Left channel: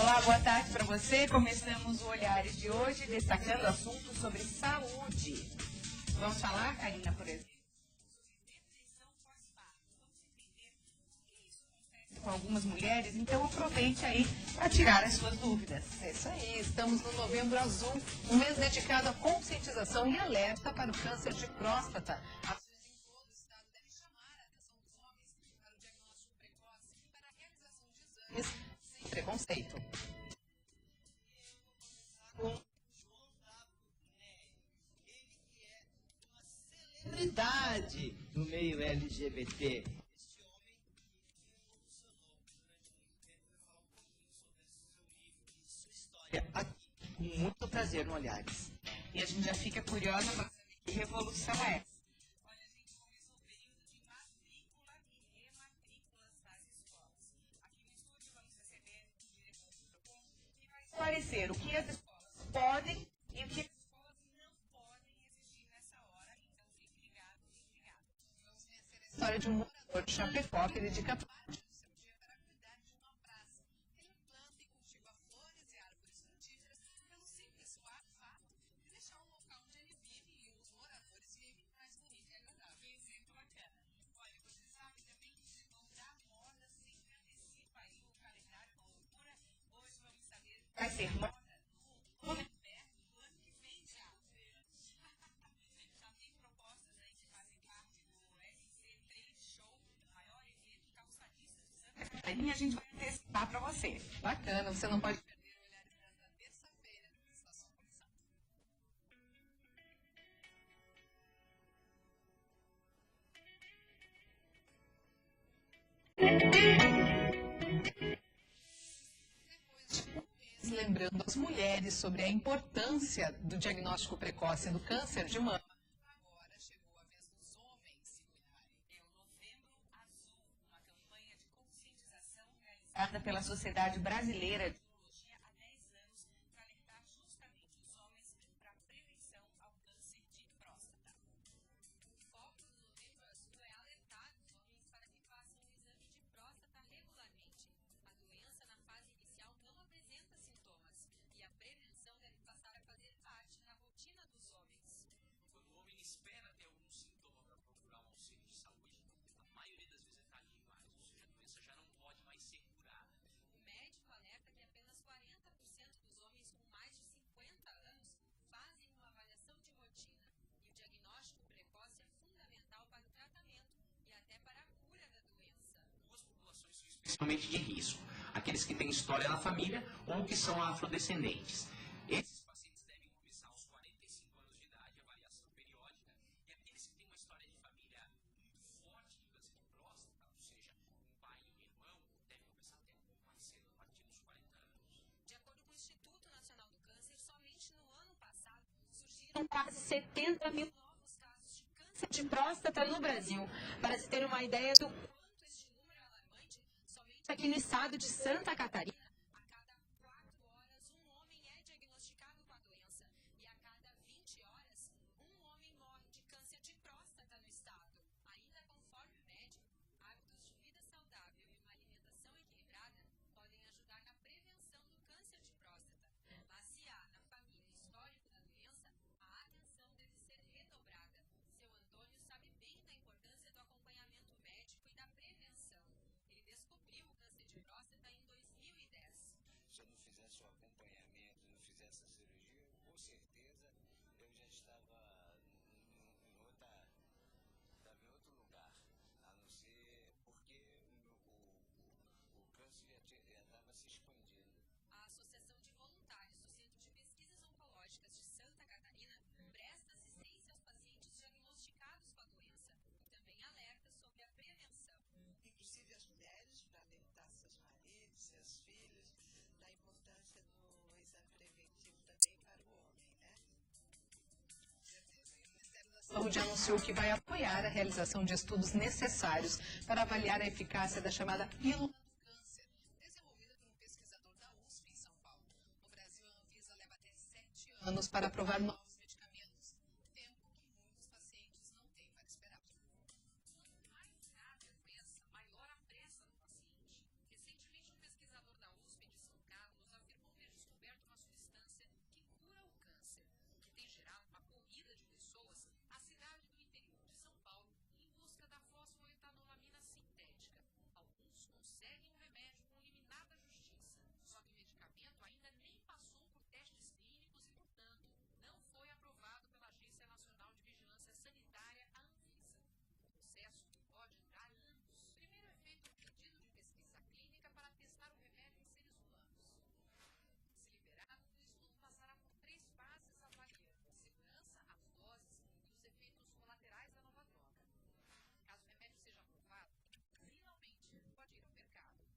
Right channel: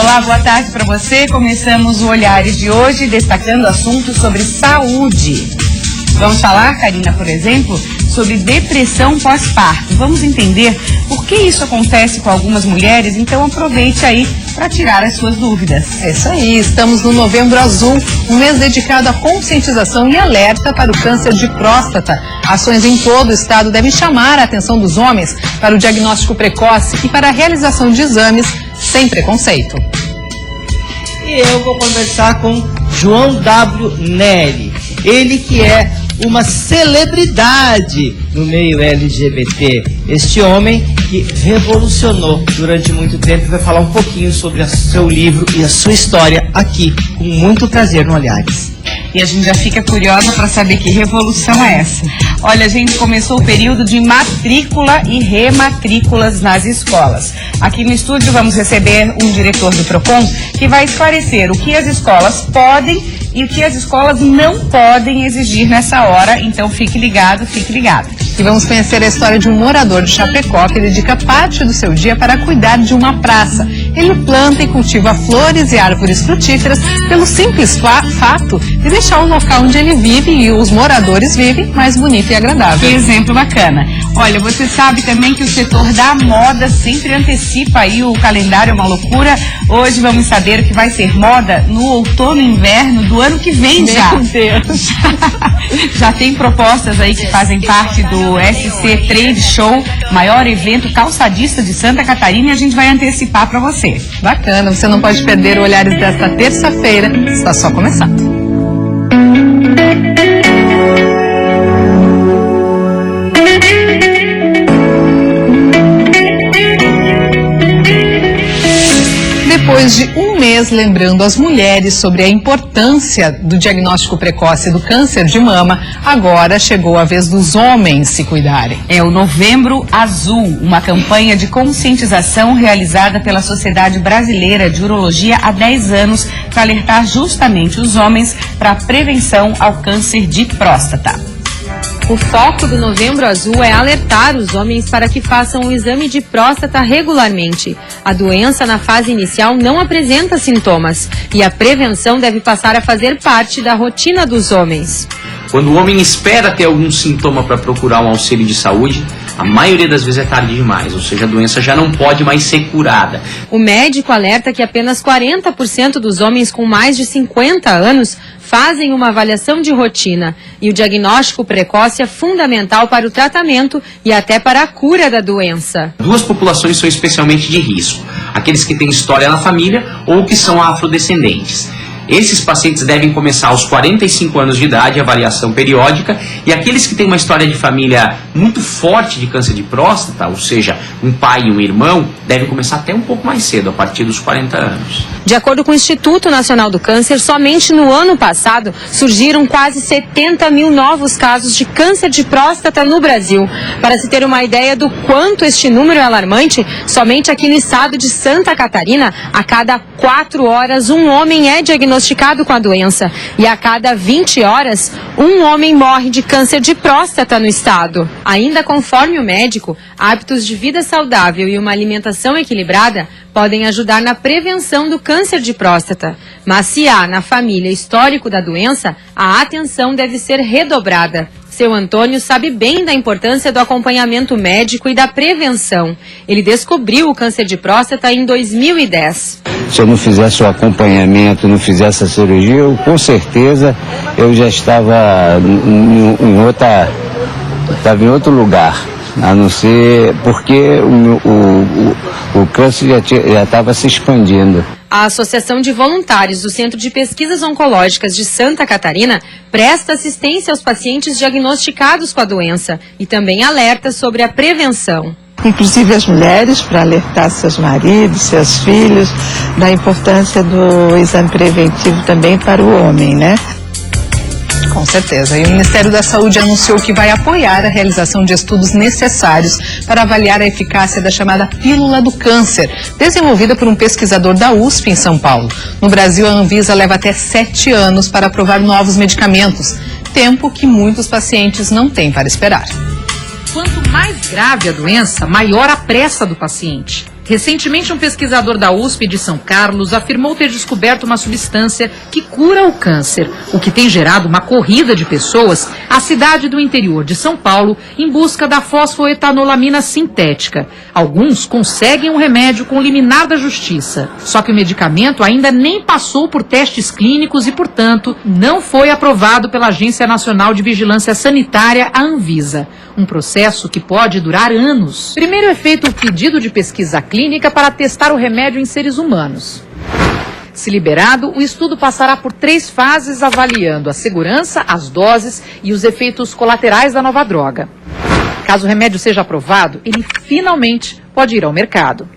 Olá, boa tarde para você. Começamos o Olhares de hoje destacando assuntos sobre saúde. Vamos falar, Karina, por exemplo, sobre depressão pós-parto. Vamos entender por que isso acontece com algumas mulheres, então aproveite aí para tirar as suas dúvidas. É isso aí, estamos no Novembro Azul, um mês dedicado à conscientização e alerta para o câncer de próstata. Ações em todo o estado devem chamar a atenção dos homens para o diagnóstico precoce e para a realização de exames sem preconceito. E eu vou conversar com João W. Neri, ele que é uma celebridade no meio LGBT. Este homem que revolucionou durante muito tempo e vai falar um pouquinho sobre o seu livro e a sua história aqui, com muito prazer no Olhares. E a gente já fica curiosa para saber que revolução é essa. Olha, a gente começou o período de matrícula e rematrículas nas escolas. Aqui no estúdio vamos receber um diretor do PROCON que vai esclarecer o que as escolas podem e o que as escolas não podem exigir nessa hora. Então fique ligado, fique ligado. E vamos conhecer a história de um morador de Chapecó que dedica parte do seu dia para cuidar de uma praça. Ele planta e cultiva flores e árvores frutíferas pelo simples fato de deixar o local onde ele vive e os moradores vivem mais bonito e agradável. Que exemplo bacana. Olha, você sabe também que o setor da moda sempre antecipa aí o calendário, é uma loucura. Hoje vamos saber o que vai ser moda no outono e inverno do ano que vem já. Meu Deus. Já tem propostas aí que fazem parte do SC Trade Show, maior evento calçadista de Santa Catarina, e a gente vai antecipar para você. Bacana, você não pode perder o Olhares desta terça-feira, está só começando. Depois de um mês lembrando as mulheres sobre a importância do diagnóstico precoce do câncer de mama, agora chegou a vez dos homens se cuidarem. É o Novembro Azul, uma campanha de conscientização realizada pela Sociedade Brasileira de Urologia há 10 anos para alertar justamente os homens para a prevenção ao câncer de próstata. O foco do Novembro Azul é alertar os homens para que façam o exame de próstata regularmente. A doença na fase inicial não apresenta sintomas e a prevenção deve passar a fazer parte da rotina dos homens. Quando o homem espera ter algum sintoma para procurar um auxílio de saúde, a maioria das vezes é tarde demais, ou seja, a doença já não pode mais ser curada. O médico alerta que apenas 40% dos homens com mais de 50 anos fazem uma avaliação de rotina e o diagnóstico precoce é fundamental para o tratamento e até para a cura da doença. Duas populações são especialmente de risco, aqueles que têm história na família ou que são afrodescendentes. Esses pacientes devem começar aos 45 anos de idade, avaliação periódica, e aqueles que têm uma história de família muito forte de câncer de próstata, ou seja, um pai e um irmão, devem começar até um pouco mais cedo, a partir dos 40 anos. De acordo com o Instituto Nacional do Câncer, somente no ano passado surgiram quase 70 mil novos casos de câncer de próstata no Brasil. Para se ter uma ideia do quanto este número é alarmante, somente aqui no estado de Santa Catarina, a cada 4 horas um homem é diagnosticado com a doença e a cada 20 horas um homem morre de câncer de próstata no estado. Ainda conforme o médico, hábitos de vida saudável e uma alimentação equilibrada podem ajudar na prevenção do câncer de próstata. Mas se há na família histórico da doença, a atenção deve ser redobrada. Seu Antônio sabe bem da importância do acompanhamento médico e da prevenção. Ele descobriu o câncer de próstata em 2010. Se eu não fizesse o acompanhamento, não fizesse a cirurgia, com certeza eu já estava em outro lugar. A não ser porque o câncer já estava se expandindo. A Associação de Voluntários do Centro de Pesquisas Oncológicas de Santa Catarina presta assistência aos pacientes diagnosticados com a doença e também alerta sobre a prevenção. Inclusive as mulheres, para alertar seus maridos, seus filhos, da importância do exame preventivo também para o homem, né? Com certeza. E o Ministério da Saúde anunciou que vai apoiar a realização de estudos necessários para avaliar a eficácia da chamada pílula do câncer, desenvolvida por um pesquisador da USP em São Paulo. No Brasil, a Anvisa leva até 7 anos para aprovar novos medicamentos, tempo que muitos pacientes não têm para esperar. Quanto mais grave a doença, maior a pressa do paciente. Recentemente, um pesquisador da USP de São Carlos afirmou ter descoberto uma substância que cura o câncer, o que tem gerado uma corrida de pessoas à cidade do interior de São Paulo em busca da fosfoetanolamina sintética. Alguns conseguem um remédio com liminar da justiça, só que o medicamento ainda nem passou por testes clínicos e, portanto, não foi aprovado pela Agência Nacional de Vigilância Sanitária, a Anvisa. Um processo que pode durar anos. Primeiro é feito o pedido de pesquisa clínica para testar o remédio em seres humanos. Se liberado, o estudo passará por 3 fases avaliando a segurança, as doses e os efeitos colaterais da nova droga. Caso o remédio seja aprovado, ele finalmente pode ir ao mercado.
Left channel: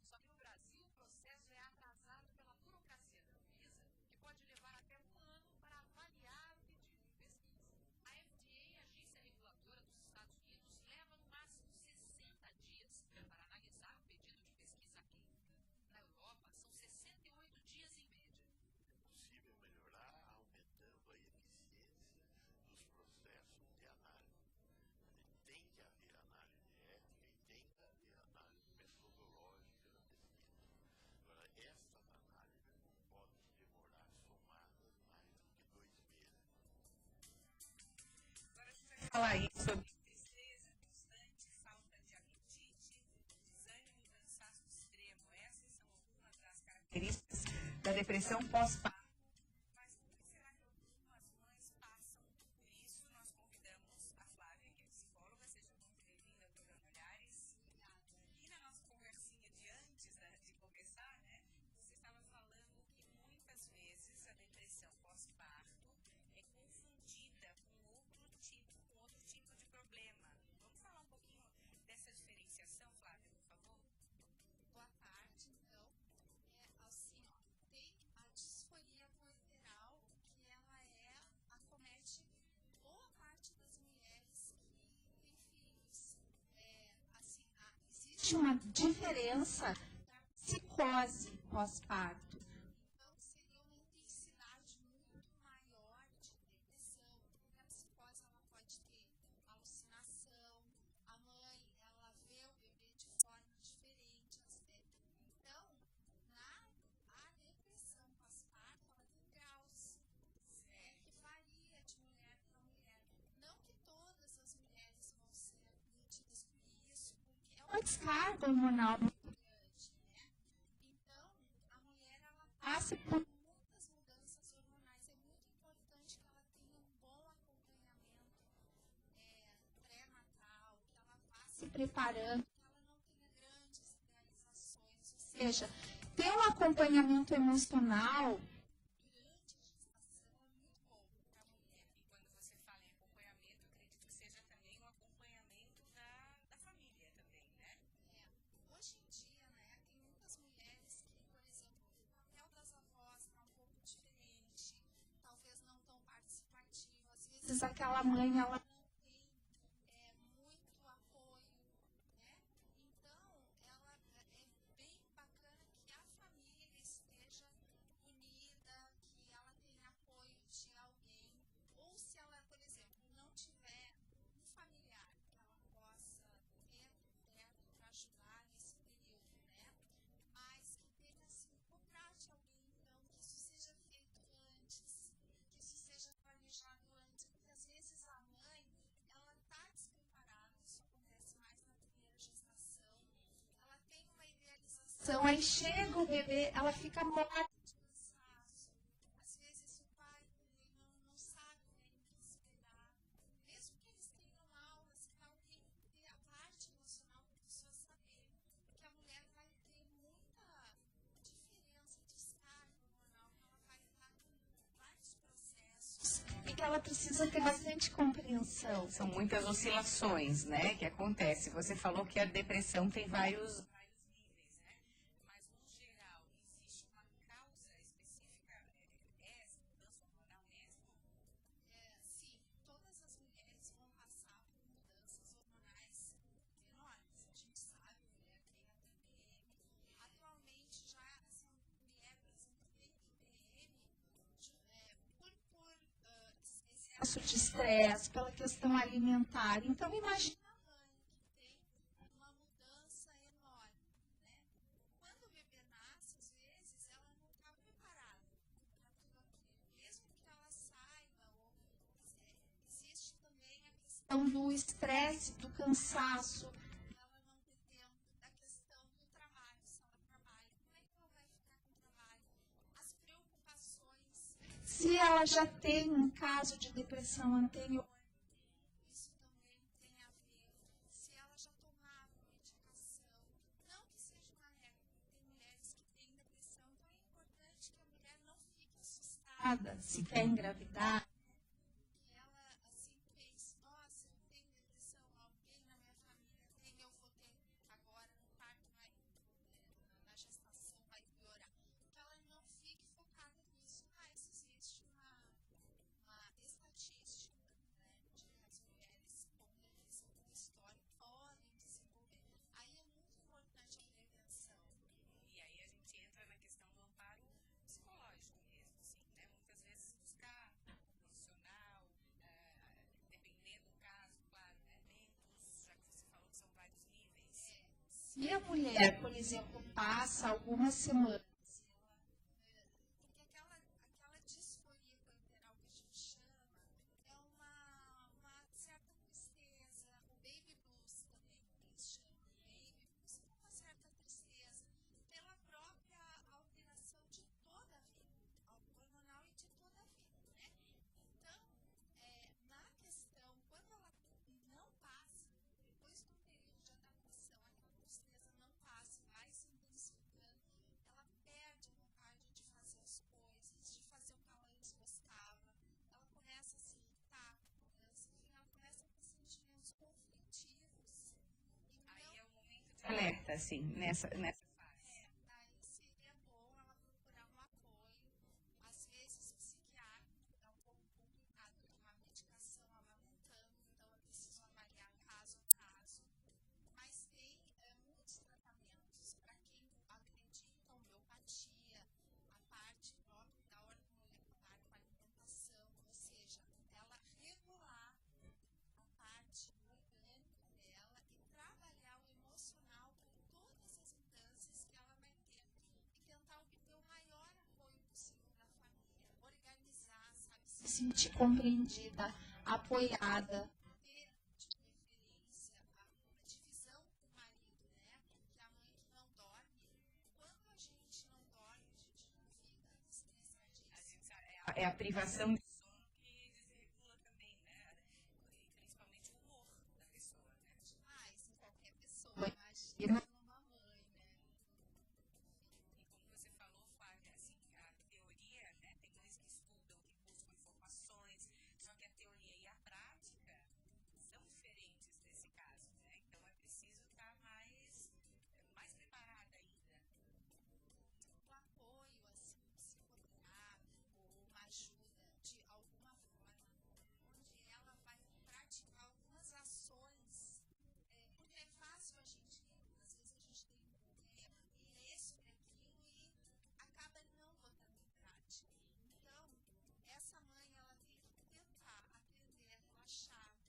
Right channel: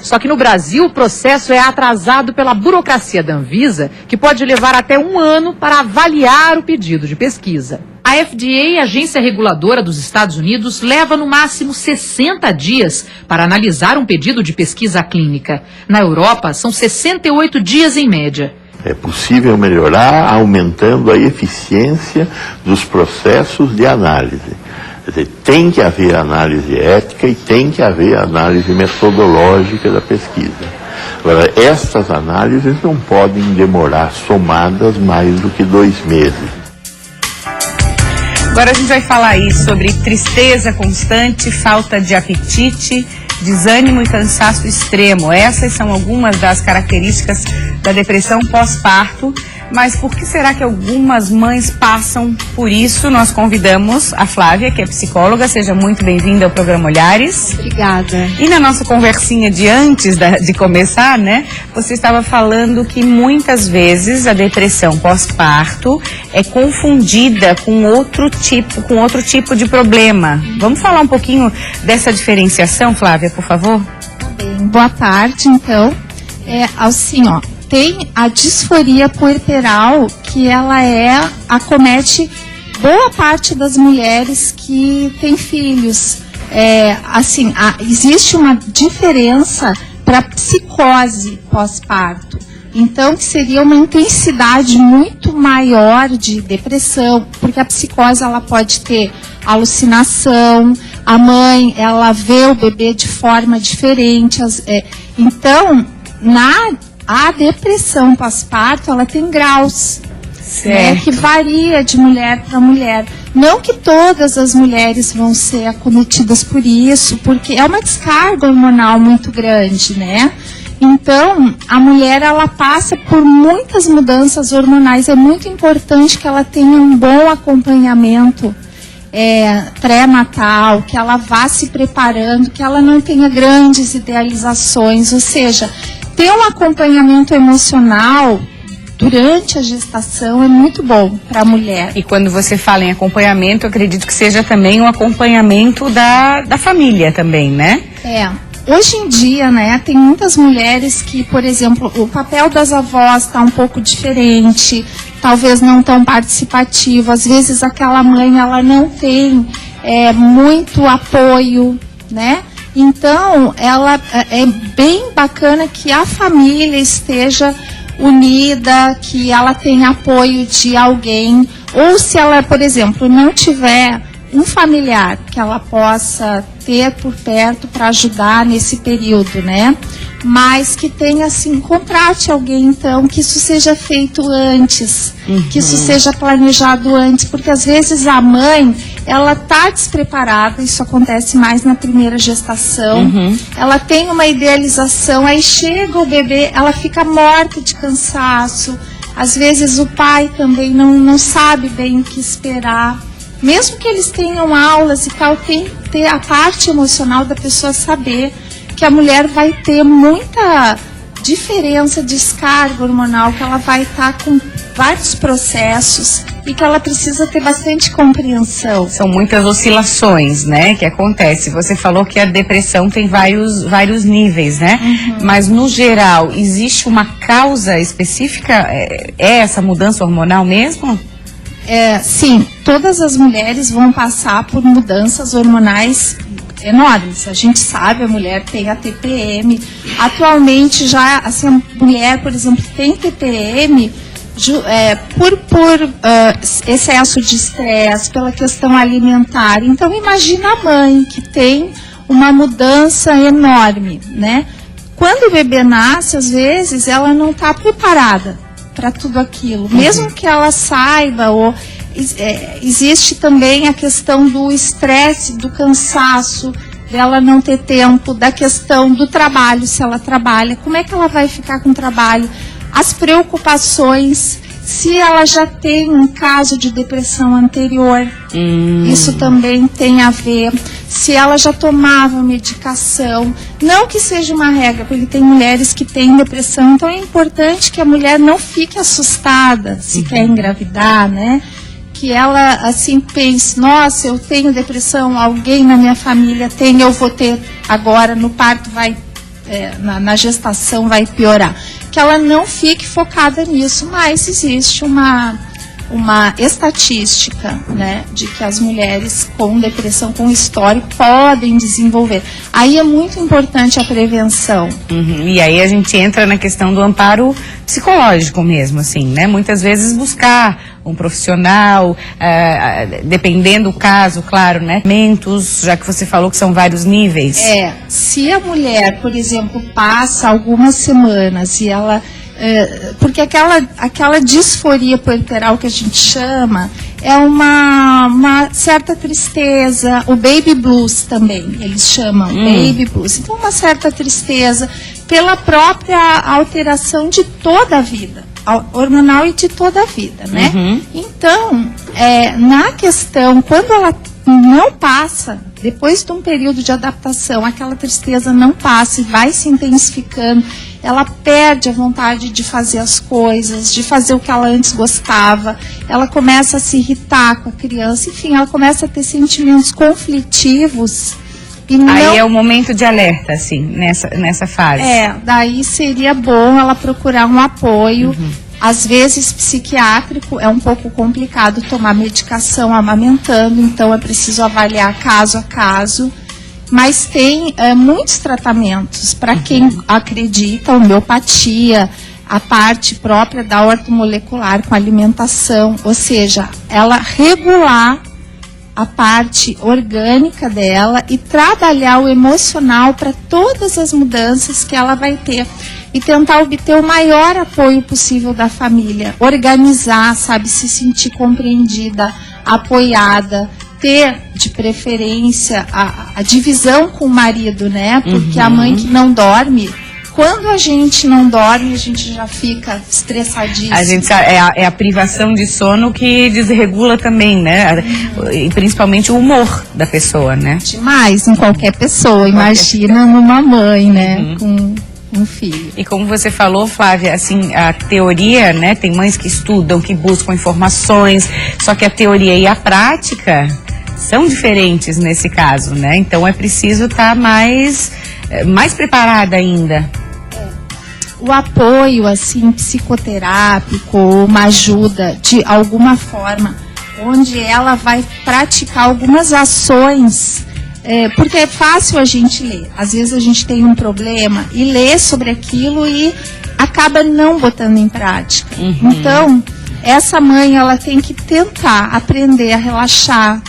Só que no Brasil o processo é atrasado pela burocracia da Anvisa, que pode levar até 1 ano para avaliar o pedido de pesquisa. A FDA, agência reguladora dos Estados Unidos, leva no máximo 60 dias para analisar um pedido de pesquisa clínica. Na Europa, são 68 dias em média. É possível melhorar aumentando a eficiência dos processos de análise. Quer dizer, tem que haver análise ética e tem que haver análise metodológica da pesquisa. Agora, estas análises não podem demorar somadas mais do que 2 meses. Agora a gente vai falar aí sobre tristeza constante, falta de apetite, desânimo e cansaço extremo. Essas são algumas das características da depressão pós-parto. Mas por que será que algumas mães passam por isso? Nós convidamos a Flávia, que é psicóloga. Seja muito bem-vinda ao programa Olhares. Obrigada. E na nossa conversinha de antes de começar, né? Você estava falando que muitas vezes a depressão pós-parto é confundida com outro tipo de problema. Vamos falar um pouquinho dessa diferenciação, Flávia, por favor? Tá bem. Boa tarde, então. Assim, ó. Tem a disforia puerperal, que ela acomete boa parte das mulheres que têm filhos. Existe uma diferença para psicose pós-parto. Então, que seria uma intensidade muito maior de depressão, porque a psicose ela pode ter alucinação, a mãe ela vê o bebê de forma diferente. Então, a depressão pós-parto, ela tem graus, né, que varia de mulher para mulher. Não que todas as mulheres vão ser acometidas por isso, porque é uma descarga hormonal muito grande, né? Então, a mulher, ela passa por muitas mudanças hormonais. É muito importante que ela tenha um bom acompanhamento pré-natal, que ela vá se preparando, que ela não tenha grandes idealizações, ou seja, ter um acompanhamento emocional durante a gestação é muito bom para a mulher. E quando você fala em acompanhamento, eu acredito que seja também um acompanhamento da família também, né? Hoje em dia, né, tem muitas mulheres que, por exemplo, o papel das avós está um pouco diferente, talvez não tão participativo. Às vezes aquela mãe, ela não tem muito apoio, né? Então, é bem bacana que a família esteja unida, que ela tenha apoio de alguém, ou se ela, por exemplo, não tiver um familiar que ela possa ter por perto para ajudar nesse período, né? Mas que tenha, assim, contrate alguém, então, que isso seja feito antes, que isso seja planejado antes, porque às vezes a mãe, ela tá despreparada, isso acontece mais na primeira gestação, ela tem uma idealização, aí chega o bebê, ela fica morta de cansaço, às vezes o pai também não sabe bem o que esperar. Mesmo que eles tenham aulas e tal, tem que ter a parte emocional da pessoa saber que a mulher vai ter muita diferença de descarga hormonal, que ela vai estar com vários processos e que ela precisa ter bastante compreensão. São muitas oscilações, né, que acontece. Você falou que a depressão tem vários níveis, né? Mas, no geral, existe uma causa específica? É essa mudança hormonal mesmo? Sim, todas as mulheres vão passar por mudanças hormonais enormes. A gente sabe, a mulher tem a TPM. Atualmente, já, assim, a mulher, por exemplo, tem TPM por excesso de estresse, pela questão alimentar. Então, imagina a mãe que tem uma mudança enorme, né? Quando o bebê nasce, às vezes, ela não está preparada para tudo aquilo. Mesmo que ela saiba, ou existe também a questão do estresse, do cansaço, dela não ter tempo, da questão do trabalho, se ela trabalha, como é que ela vai ficar com o trabalho, as preocupações, se ela já tem um caso de depressão anterior, isso também tem a ver, se ela já tomava medicação, não que seja uma regra, porque tem mulheres que têm depressão, então é importante que a mulher não fique assustada se quer engravidar, né? Que ela, assim, pense, nossa, eu tenho depressão, alguém na minha família tem, eu vou ter agora, no parto vai, na gestação vai piorar. Que ela não fique focada nisso, mas existe uma estatística, né, de que as mulheres com depressão, com histórico, podem desenvolver. Aí é muito importante a prevenção. E aí a gente entra na questão do amparo psicológico mesmo, assim, né? Muitas vezes buscar um profissional, dependendo do caso, claro, né? Mentos, já que você falou que são vários níveis. Se a mulher, por exemplo, passa algumas semanas e ela... porque aquela disforia puerperal que a gente chama é uma certa tristeza, o baby blues também, eles chamam baby blues. Então, uma certa tristeza pela própria alteração de toda a vida, hormonal e de toda a vida, né? Então, na questão, quando ela não passa, depois de um período de adaptação, aquela tristeza não passa e vai se intensificando, ela perde a vontade de fazer as coisas, de fazer o que ela antes gostava, ela começa a se irritar com a criança, enfim, ela começa a ter sentimentos conflitivos. E não... Aí é o momento de alerta, assim, nessa fase. Daí seria bom ela procurar um apoio. Às vezes, psiquiátrico, é um pouco complicado tomar medicação amamentando, então é preciso avaliar caso a caso. Mas tem muitos tratamentos para quem acredita, homeopatia, a parte própria da ortomolecular com alimentação, ou seja, ela regular a parte orgânica dela e trabalhar o emocional para todas as mudanças que ela vai ter e tentar obter o maior apoio possível da família, organizar, sabe, se sentir compreendida, apoiada, ter de preferência a divisão com o marido, né? Porque a mãe que não dorme, quando a gente não dorme, a gente já fica estressadíssima. A gente sabe, é a privação de sono que desregula também, né? E principalmente o humor da pessoa, né? Demais, em qualquer pessoa. Imagina numa mãe, né? Com um filho. E como você falou, Flávia, assim, a teoria, né? Tem mães que estudam, que buscam informações, só que a teoria e a prática são diferentes nesse caso, né? Então é preciso estar mais preparada ainda. O apoio, assim, psicoterápico, uma ajuda de alguma forma, onde ela vai praticar algumas ações, porque é fácil a gente ler. Às vezes a gente tem um problema e lê sobre aquilo e acaba não botando em prática. Então, essa mãe, ela tem que tentar aprender a relaxar.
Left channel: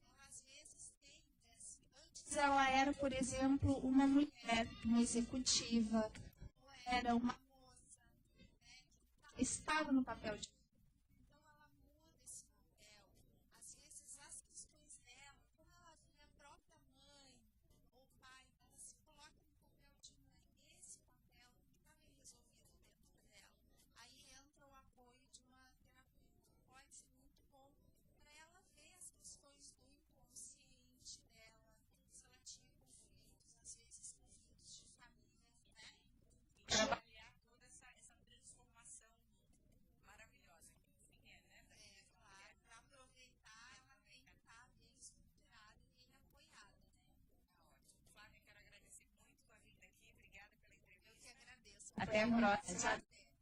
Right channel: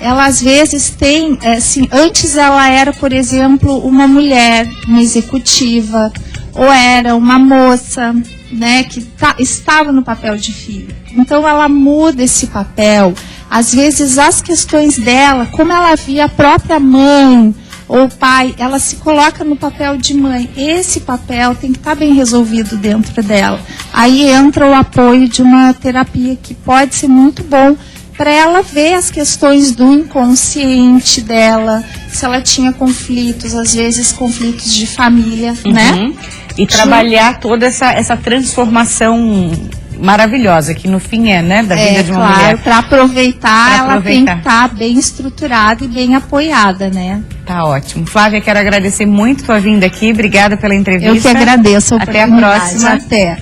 Ela, às vezes, tem, assim, antes ela era, por exemplo, uma mulher, uma executiva, ou era uma moça, né, que estava no papel de filha. Então, ela muda esse papel. Às vezes, as questões dela, como ela via a própria mãe ou pai, ela se coloca no papel de mãe. Esse papel tem que estar bem resolvido dentro dela. Aí entra o apoio de uma terapia que pode ser muito bom para ela ver as questões do inconsciente dela, se ela tinha conflitos, às vezes conflitos de família, né? E trabalhar toda essa transformação maravilhosa, que no fim né, da vida de uma mulher. Para aproveitar, ela tem que estar bem estruturada e bem apoiada, né? Tá ótimo. Flávia, quero agradecer muito tua vinda aqui, obrigada pela entrevista. Eu que agradeço a oportunidade. Até a próxima. Até.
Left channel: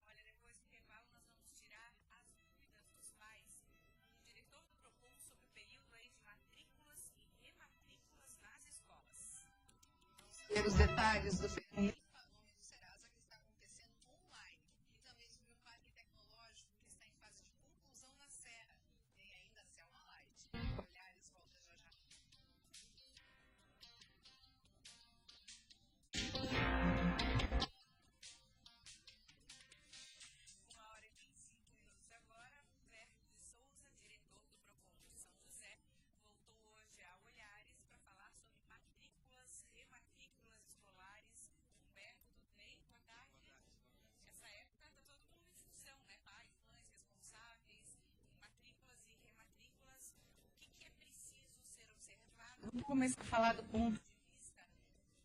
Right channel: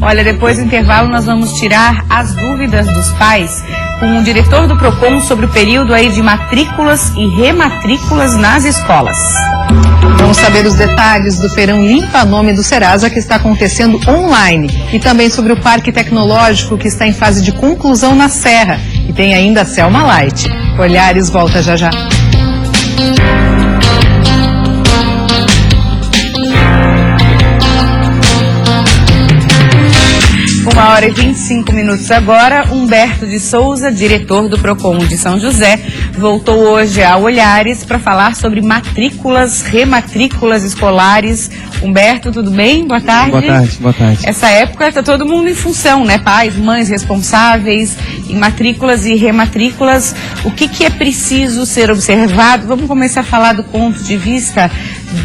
Olha, depois do intervalo nós vamos tirar as dúvidas dos pais com o diretor do PROCON sobre o período aí de matrículas e rematrículas nas escolas. Vamos saber os detalhes do Feirão Limpa Nome do Serasa, que está acontecendo online, e também sobre o Parque Tecnológico, que está em fase de conclusão na Serra, e tem ainda a Selma Light. Olhares volta já já. 1h25 agora. Humberto de Souza, diretor do PROCON de São José, voltou hoje a Olhares para falar sobre matrículas, rematrículas escolares. Humberto, tudo bem? Boa tarde. Boa tarde, boa tarde. Essa época está todo mundo em função, né? Pais, mães responsáveis em matrículas e rematrículas. O que é preciso ser observado? Vamos começar a falar do ponto de vista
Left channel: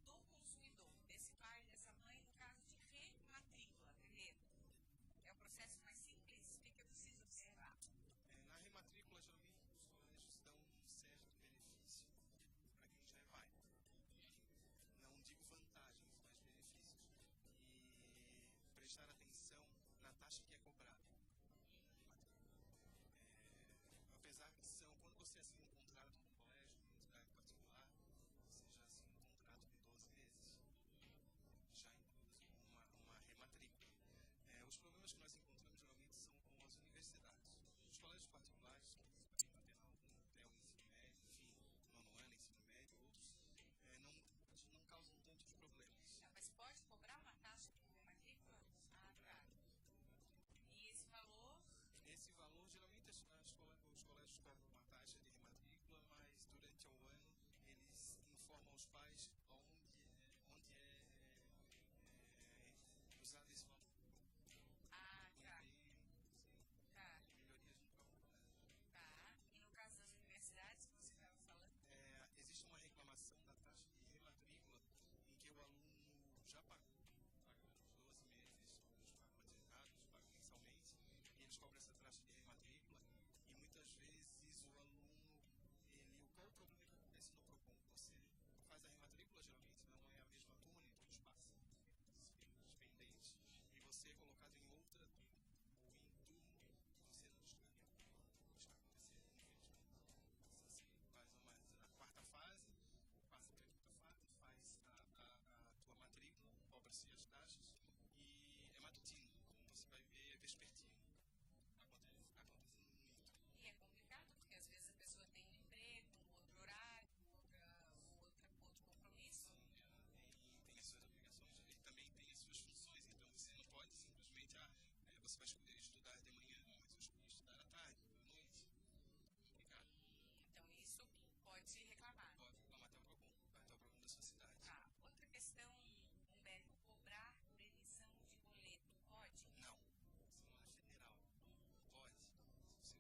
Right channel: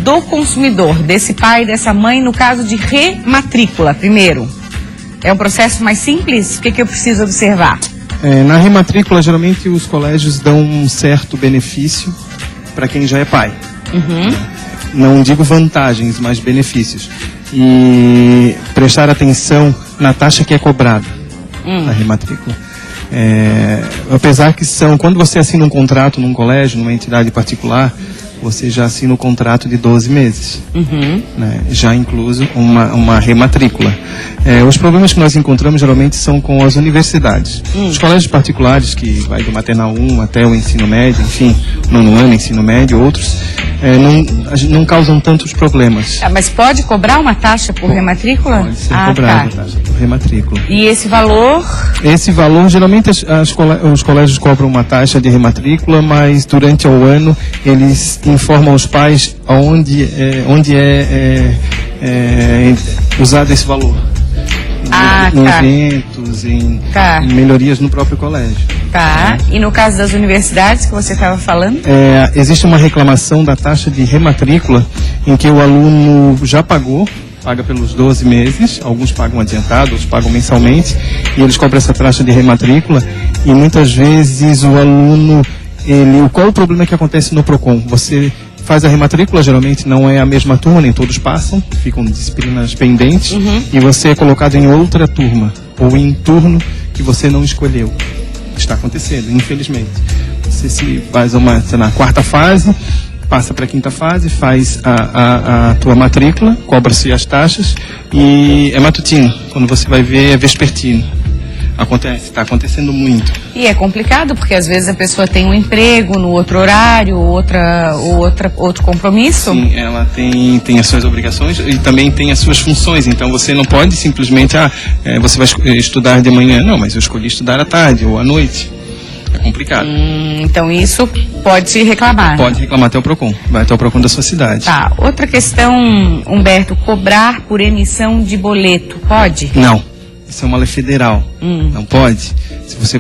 do consumidor, desse pai, dessa mãe, no caso de rematrícula, primeiro. É um processo mais simples? O que eu preciso observar? Na rematrícula, geralmente os colégios dão um certo benefício para quem já é pai. Não digo vantagens, mas benefícios. E prestar atenção na taxa que é cobrada na rematrícula. Apesar que quando você assina um contrato num colégio, numa entidade particular, você já assina o contrato de 12 meses, né? Já incluso uma rematrícula. Os problemas que nós encontramos geralmente são com as universidades. Os colégios particulares, que vai do maternal 1 até o ensino médio, enfim, nono ano, ensino médio, outros, não causam tantos problemas. Mas pode cobrar uma taxa por rematrícula? Pode ser cobrada a taxa por rematrícula. E esse valor? Esse valor, geralmente os colégios cobram uma taxa de rematrícula, mas durante o ano eles informam os pais onde é usado esse valor. Em eventos, em melhorias no próprio colégio. E no caso das universidades que você estava falando? Existe uma reclamação da taxa de rematrícula em que o aluno já paga pelos 12 meses, alguns pagam adiantado, outros pagam mensalmente, e eles cobram essa taxa de rematrícula, e muitas vezes o aluno, qual o problema que acontece no PROCON? Você faz a rematrícula, geralmente não é a mesma turma, nem todos passam, ficam disciplinas pendentes, e você é colocado em outra turma, ou em turno que você não escolheu. Está acontecendo, infelizmente. Você se faz na quarta fase, passa para a quinta fase, faz a tua matrícula, cobra-se as taxas, e é matutino. Quando você vai ver, é vespertino. Está acontecendo muito. E é complicado, porque às vezes a pessoa tem um emprego no outro horário, outro compromisso. Sim, ela tem as suas obrigações e também tem as suas funções. Então você não pode simplesmente, você vai estudar de manhã. Não, mas eu escolhi estudar à tarde ou à noite. É complicado. Então isso pode reclamar. Pode reclamar até o PROCON. Vai até o PROCON da sua cidade. Outra questão, Humberto, cobrar por emissão de boleto, pode? Não. Isso é uma lei federal. Não pode. Se você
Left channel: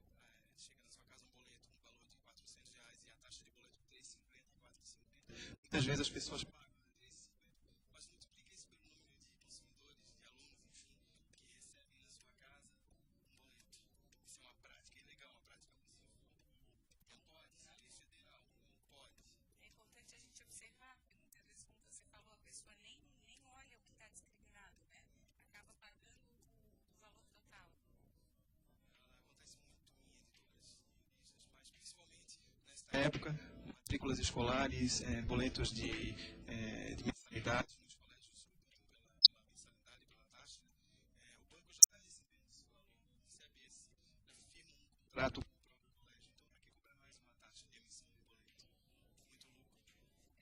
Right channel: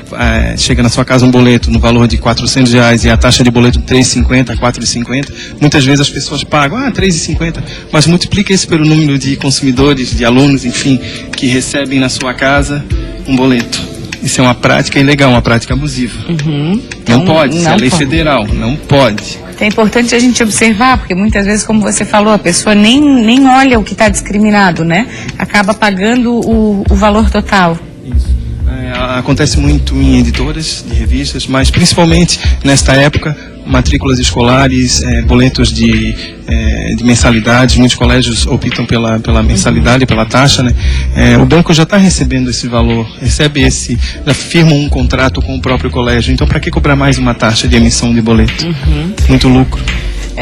chega na sua casa um boleto no valor de R$400 e a taxa de boleto de R$3,50, R$4,50, muitas vezes as pessoas pagam R$3,50, mas multiplica isso pelo número de consumidores, de alunos, enfim, que recebem na sua casa um boleto. Isso é uma prática ilegal, uma prática abusiva. Não pode, isso é lei federal, não pode. É importante a gente observar, porque muitas vezes, como você falou, a pessoa nem olha o que está discriminado, né? Acaba pagando o valor total. Isso. Acontece muito em editoras de revistas, mas principalmente nesta época, matrículas escolares, boletos de mensalidades. Muitos colégios optam pela mensalidade, pela taxa, né? O banco já está recebendo esse valor, já firma um contrato com o próprio colégio. Então, para que cobrar mais uma taxa de emissão de boleto? Muito lucro.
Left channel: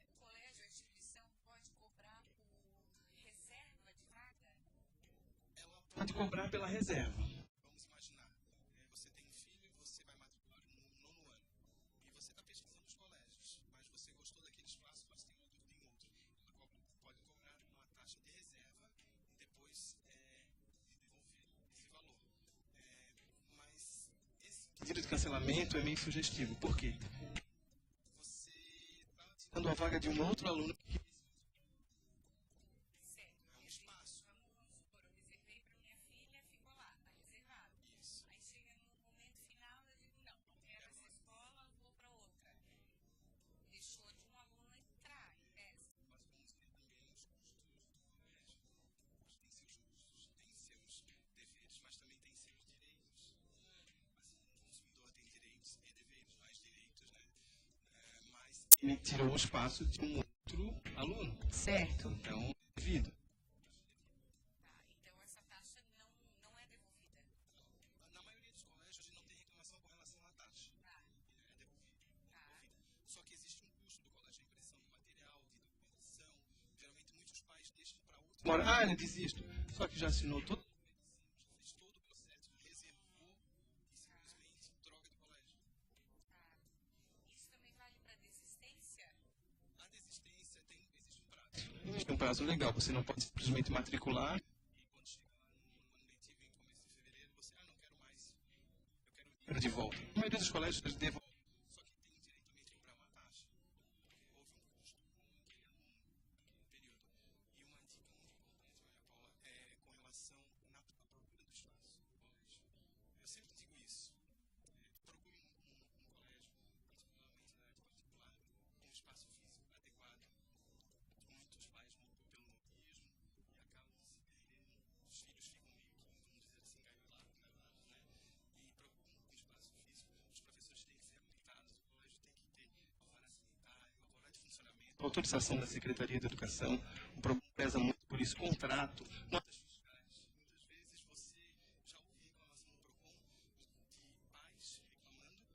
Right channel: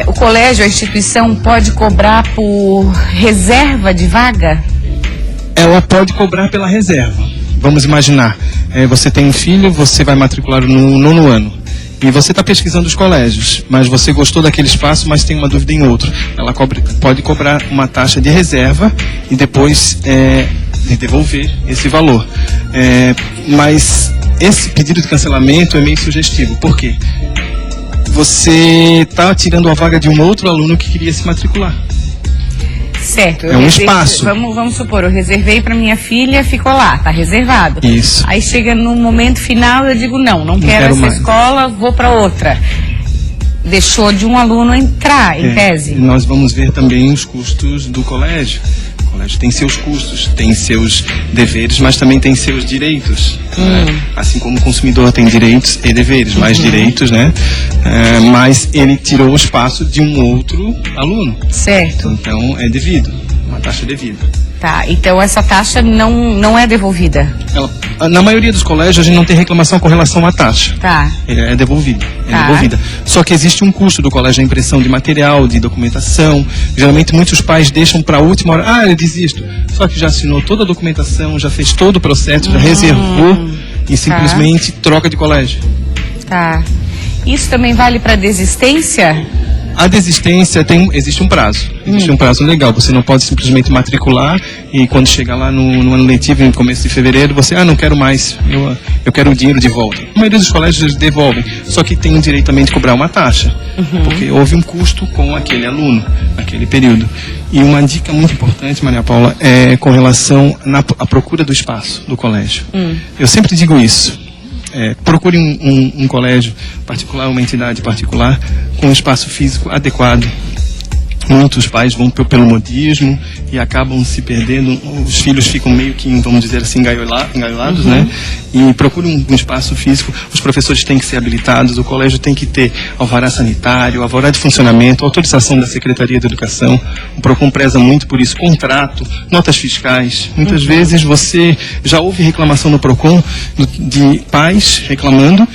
O colégio, a instituição, pode cobrar por reserva de vaga? Ela pode cobrar pela reserva. Vamos imaginar, você tem um filho, você vai matricular no nono ano. E você está pesquisando os colégios, mas você gostou daquele espaço, mas tem uma dúvida em outro. Ela pode cobrar uma taxa de reserva e depois devolver esse valor. Mas esse pedido de cancelamento é meio sugestivo. Por quê? Você está tirando a vaga de um outro aluno que queria se matricular. Certo. É um espaço. Vamos supor, eu reservei para minha filha, ficou lá, tá reservado. Isso. Aí chega no momento final, eu digo não quero essa mais. escola, vou para outra. Deixou de um aluno entrar, em tese. Nós vamos ver também os custos do colégio. O colégio tem seus custos, tem seus deveres, mas também tem seus direitos. Né? Assim como o consumidor tem direitos e deveres, mais direitos, né? Mas ele tirou o espaço de um outro aluno. Certo. Então é devido, uma taxa devida. Tá, então essa taxa não é devolvida? Na maioria dos colégios, a gente não tem reclamação com relação à taxa. Tá. É devolvida. Tá. Devolvida. Só que existe um custo do colégio, a impressão de material, de documentação. Geralmente, muitos pais deixam para a última hora. Eu desisto. Só que já assinou toda a documentação, já fez todo o processo, já reservou e simplesmente troca de colégio. Tá. Isso também vale para desistência? A desistência existe um prazo. Existe um prazo legal. Você não pode simplesmente matricular e quando chegar lá no ano letivo, no começo de fevereiro, você, não quero mais, eu quero o dinheiro de volta. A maioria dos colégios eles devolvem, só que tem o direito também de cobrar uma taxa, porque houve um custo com aquele aluno, naquele período. E uma dica muito importante, Maria Paula, é com relação à procura do espaço do colégio. Eu sempre digo isso. Procure um colégio particular, uma entidade particular, com um espaço físico adequado. Muitos pais vão pelo modismo e acabam se perdendo. Os filhos ficam meio que, vamos dizer assim, engaiolados, né? E procure um espaço físico. Os professores têm que ser habilitados, o colégio tem que ter alvará sanitário, alvará de funcionamento, autorização da Secretaria de Educação. O PROCON preza muito por isso, contrato, notas fiscais. Muitas vezes você já ouve reclamação no PROCON de pais reclamando.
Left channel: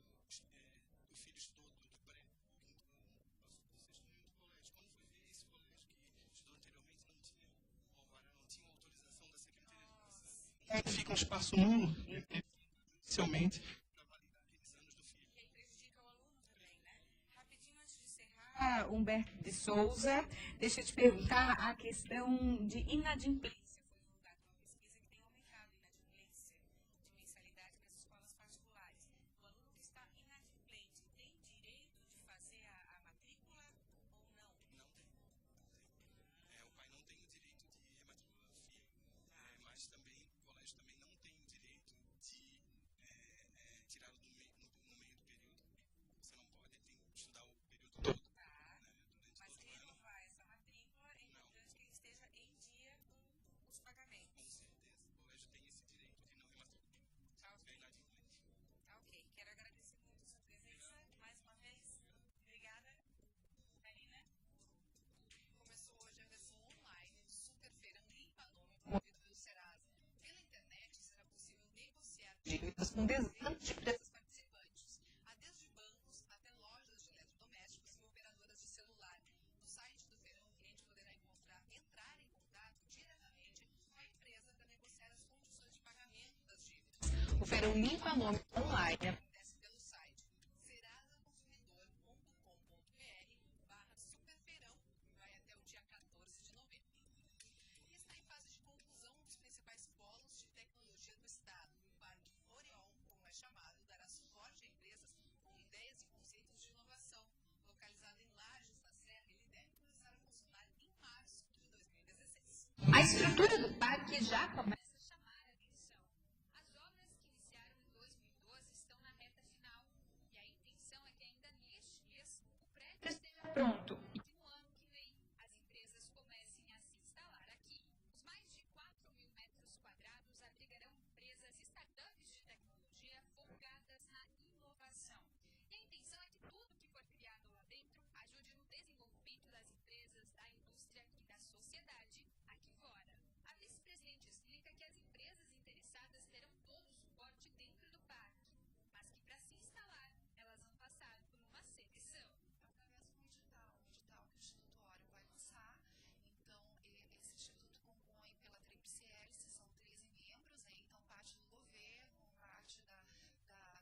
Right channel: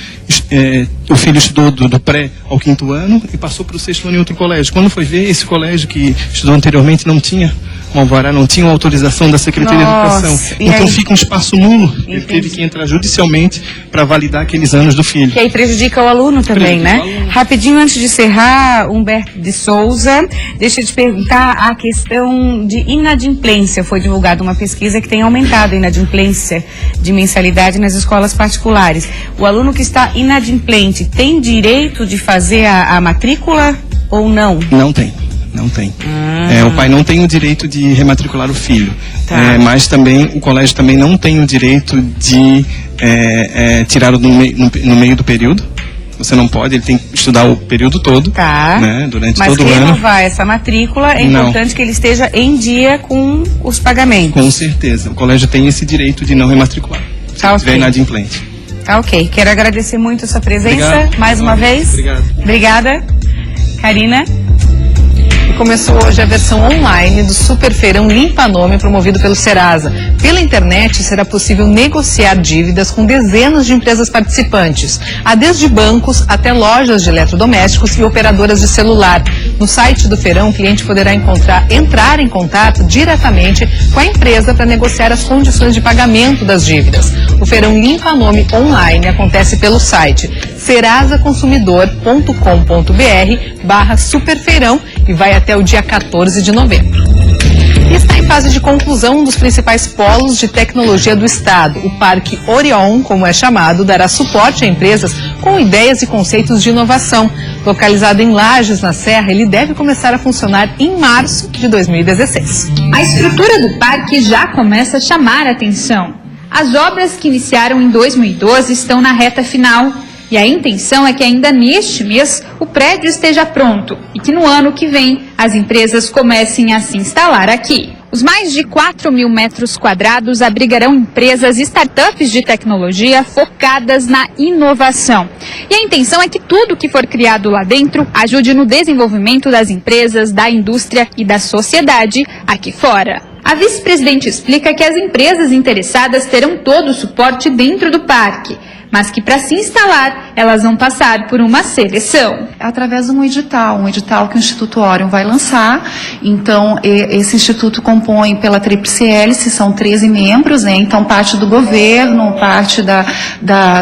O filho estudou do pré ao 5º ano e passou para o 6º ano em outro colégio. Quando foi ver, esse colégio que estudou anteriormente não tinha um alvará, não tinha uma autorização da Secretaria de Educação. Então fica um espaço nulo. Ele teve que entrar judicialmente para validar aqueles anos do filho. Que aí prejudica o aluno também, né? Rapidinho, antes de encerrar, Humberto de Souza, deixa eu te perguntar a questão de inadimplência. Foi divulgada uma pesquisa que tem aumentado a inadimplência de mensalidade nas escolas particulares. O aluno que está inadimplente tem direito de fazer a matrícula ou não? Não tem. Não tem. O pai não tem o direito de rematricular o filho. Mas também o colégio também não tem o direito de tirá-lo no meio do período. Você não pode, ele tem que estudar o período todo, né, durante todo o ano. Mas renovar essa matrícula, é importante que ele esteja em dia com os pagamentos. Com certeza. O colégio tem esse direito de não rematricular. Se estiver inadimplente. Tá ok. Quero agradecer muito a sua presença. Obrigado. Mais uma vez. Obrigado. Obrigada. Karina. Começou hoje a versão online do Super Feirão Limpa Nome, promovido pelo Serasa. Pela internet será possível negociar dívidas com dezenas de empresas participantes. Há desde bancos até lojas de eletrodomésticos e operadoras de celular. No site do feirão, o cliente poderá entrar em contato diretamente com a empresa para negociar as condições de pagamento das dívidas. O Feirão Limpa Nome online acontece pelo site serasaconsumidor.com.br/superfeirão e vai até o dia 14 de novembro. E está em fase de conclusão um dos principais polos de tecnologia do Estado. O Parque Orion, como é chamado, dará suporte a empresas com ideias e conceitos de inovação. Localizado em Lages, na Serra, ele deve começar a funcionar em março de 2016. A estrutura do parque já começa a chamar a atenção. As obras que iniciaram em 2012 estão na reta final. E a intenção é que ainda neste mês o prédio esteja pronto e que no ano que vem as empresas comecem a se instalar aqui. Os mais de 4.000 metros quadrados abrigarão empresas e startups de tecnologia focadas na inovação. E a intenção é que tudo que for criado lá dentro ajude no desenvolvimento das empresas, da indústria e da sociedade aqui fora. A vice-presidente explica que as empresas interessadas terão todo o suporte dentro do parque, mas que para se instalar, elas vão passar por uma seleção. Através de um edital que o Instituto Orion vai lançar. Então, esse instituto compõe pela tríplice hélice, são 13 membros, né? Então, parte do governo, parte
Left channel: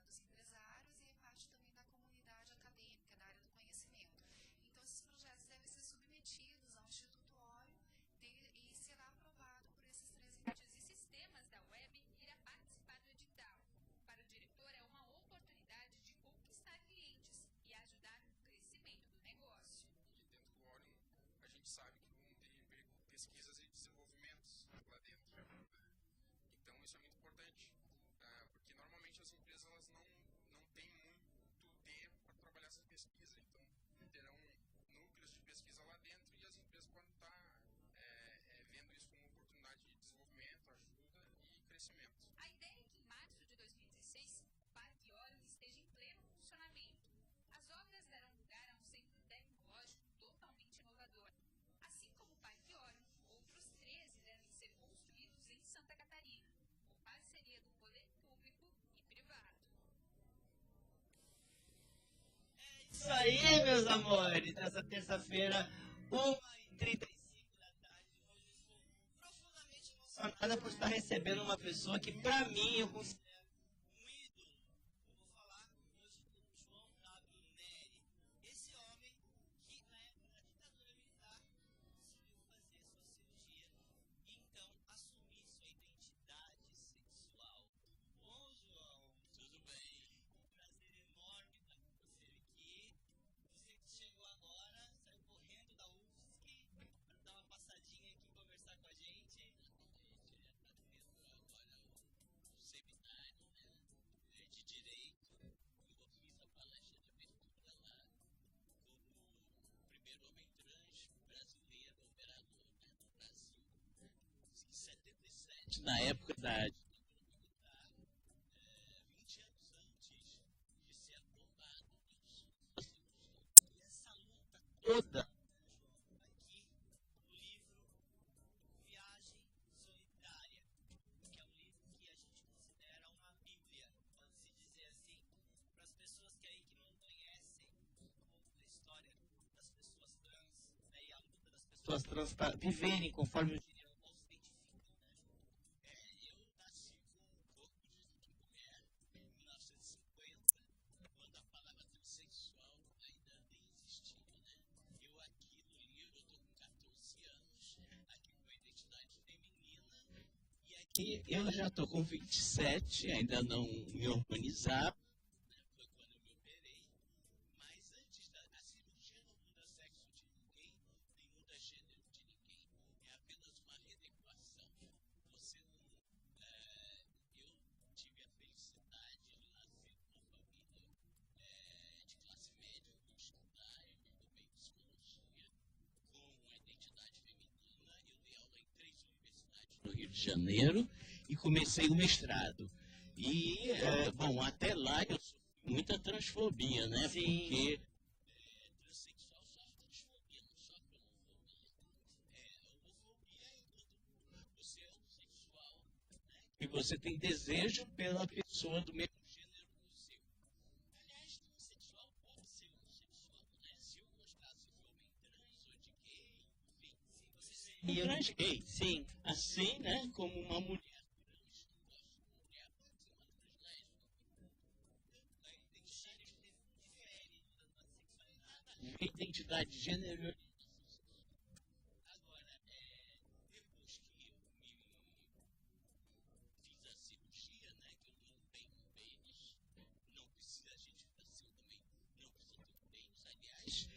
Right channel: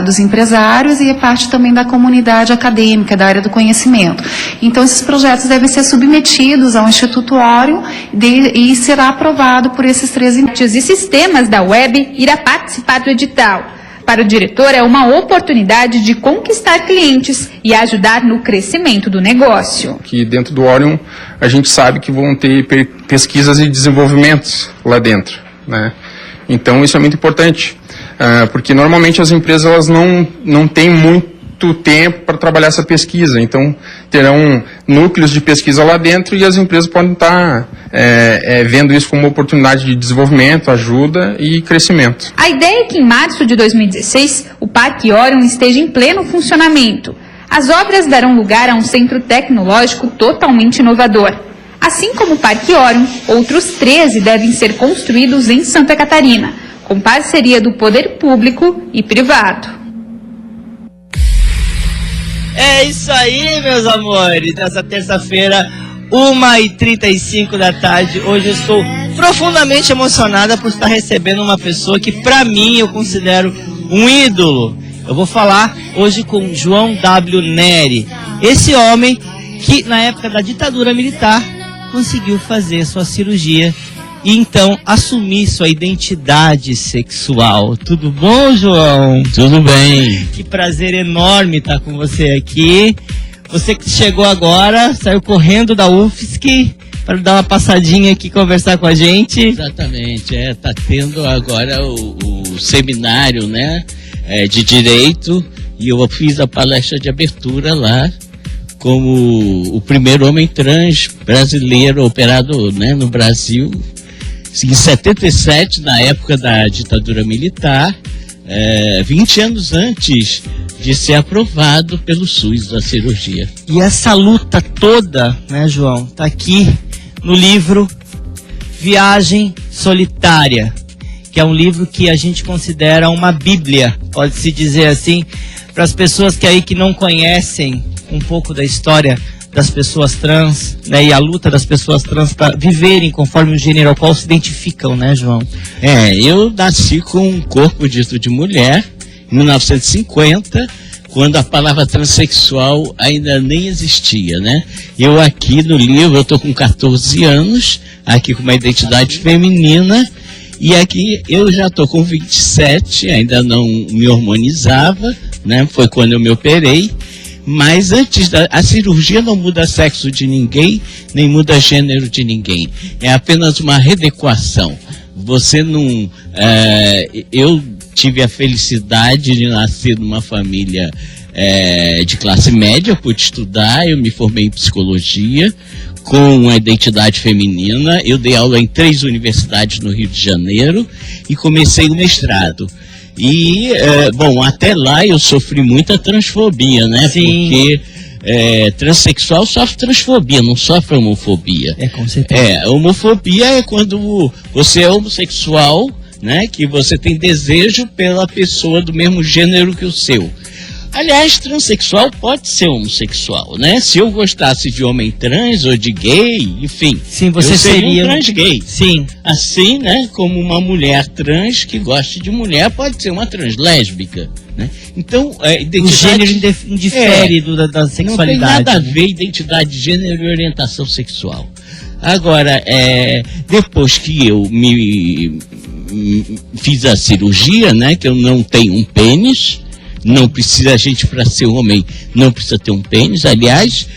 dos empresários e parte também da comunidade acadêmica, da área do conhecimento. Então, esses projetos devem ser submetidos ao Instituto Orion e será aprovado por esses 13 e sistemas da web irá participar do edital. Para o diretor, é uma oportunidade de conquistar clientes e ajudar no crescimento do negócio. Que dentro do Orion, a gente sabe que vão ter pesquisas e desenvolvimentos lá dentro, né? Então, isso é muito importante, porque normalmente as empresas elas não têm muito tempo para trabalhar essa pesquisa, então terão núcleos de pesquisa lá dentro e as empresas podem estar vendo isso como uma oportunidade de desenvolvimento, ajuda e crescimento. A ideia é que em março de 2016 o Parque Orion esteja em pleno funcionamento. As obras darão lugar a um centro tecnológico totalmente inovador. Assim como o Parque Órion, outros 13 devem ser construídos em Santa Catarina, com parceria do poder público e privado. É isso aí, meus amores. Nessa terça-feira, 1h35 da tarde. Hoje eu estou profundamente emocionada por estar recebendo uma pessoa que, para mim, eu considero um ídolo. Eu vou falar hoje com João W. Nery. Esse homem que, na época da ditadura militar, conseguiu fazer sua cirurgia e então assumir sua identidade sexual. Tudo bom, João? Tudo bem. Que prazer enorme estar com você aqui. Você que chegou agora, saiu correndo da UFSC para dar uma passadinha aqui, conversar com a gente. Exatamente, tá tendo agora o seminário, né, de Direito, e eu fiz a palestra de abertura lá, como o primeiro homem trans brasileiro operado, né, no Brasil, em 77, na época da ditadura militar, 20 anos antes de ser aprovado pelo SUS da cirurgia. E essa luta toda, né, João, tá aqui no livro Viagem Solitária, que é um livro que a gente considera uma bíblia, pode-se dizer assim, para as pessoas que não conhecem um pouco da história das pessoas trans, né, e a luta das pessoas trans para viverem conforme o gênero ao qual se identificam, né, João? Eu nasci com um corpo dito de mulher, em 1950, quando a palavra transexual ainda nem existia, né? Eu aqui no livro, eu tô com 14 anos, aqui com uma identidade feminina, e aqui eu já tô com 27, ainda não me hormonizava, né? Foi quando eu me operei. Mas antes a cirurgia não muda sexo de ninguém, nem muda gênero de ninguém. É apenas uma readequação. Você não... eu tive a felicidade de nascer numa família de classe média, pude estudar, eu me formei em psicologia, com uma identidade feminina. Eu dei aula em 3 universidades no Rio de Janeiro e comecei o mestrado. E, bom, até lá eu sofri muita transfobia, né? Sim. Porque transexual sofre transfobia, não sofre homofobia. Com certeza. Homofobia é quando você é homossexual, né? Que você tem desejo pela pessoa do mesmo gênero que o seu. Aliás, transexual pode ser homossexual, né? Se eu gostasse de homem trans ou de gay, enfim, sim, você eu seria um trans gay. Sim. Assim, né? Como uma mulher trans que gosta de mulher pode ser uma trans lésbica, né? Então, o gênero indifere da sexualidade. Não tem nada a ver identidade de gênero e orientação sexual. Agora, depois que eu fiz a cirurgia, né? Que eu não tenho um pênis. Não precisa, a gente para ser homem não precisa ter um pênis. Aliás,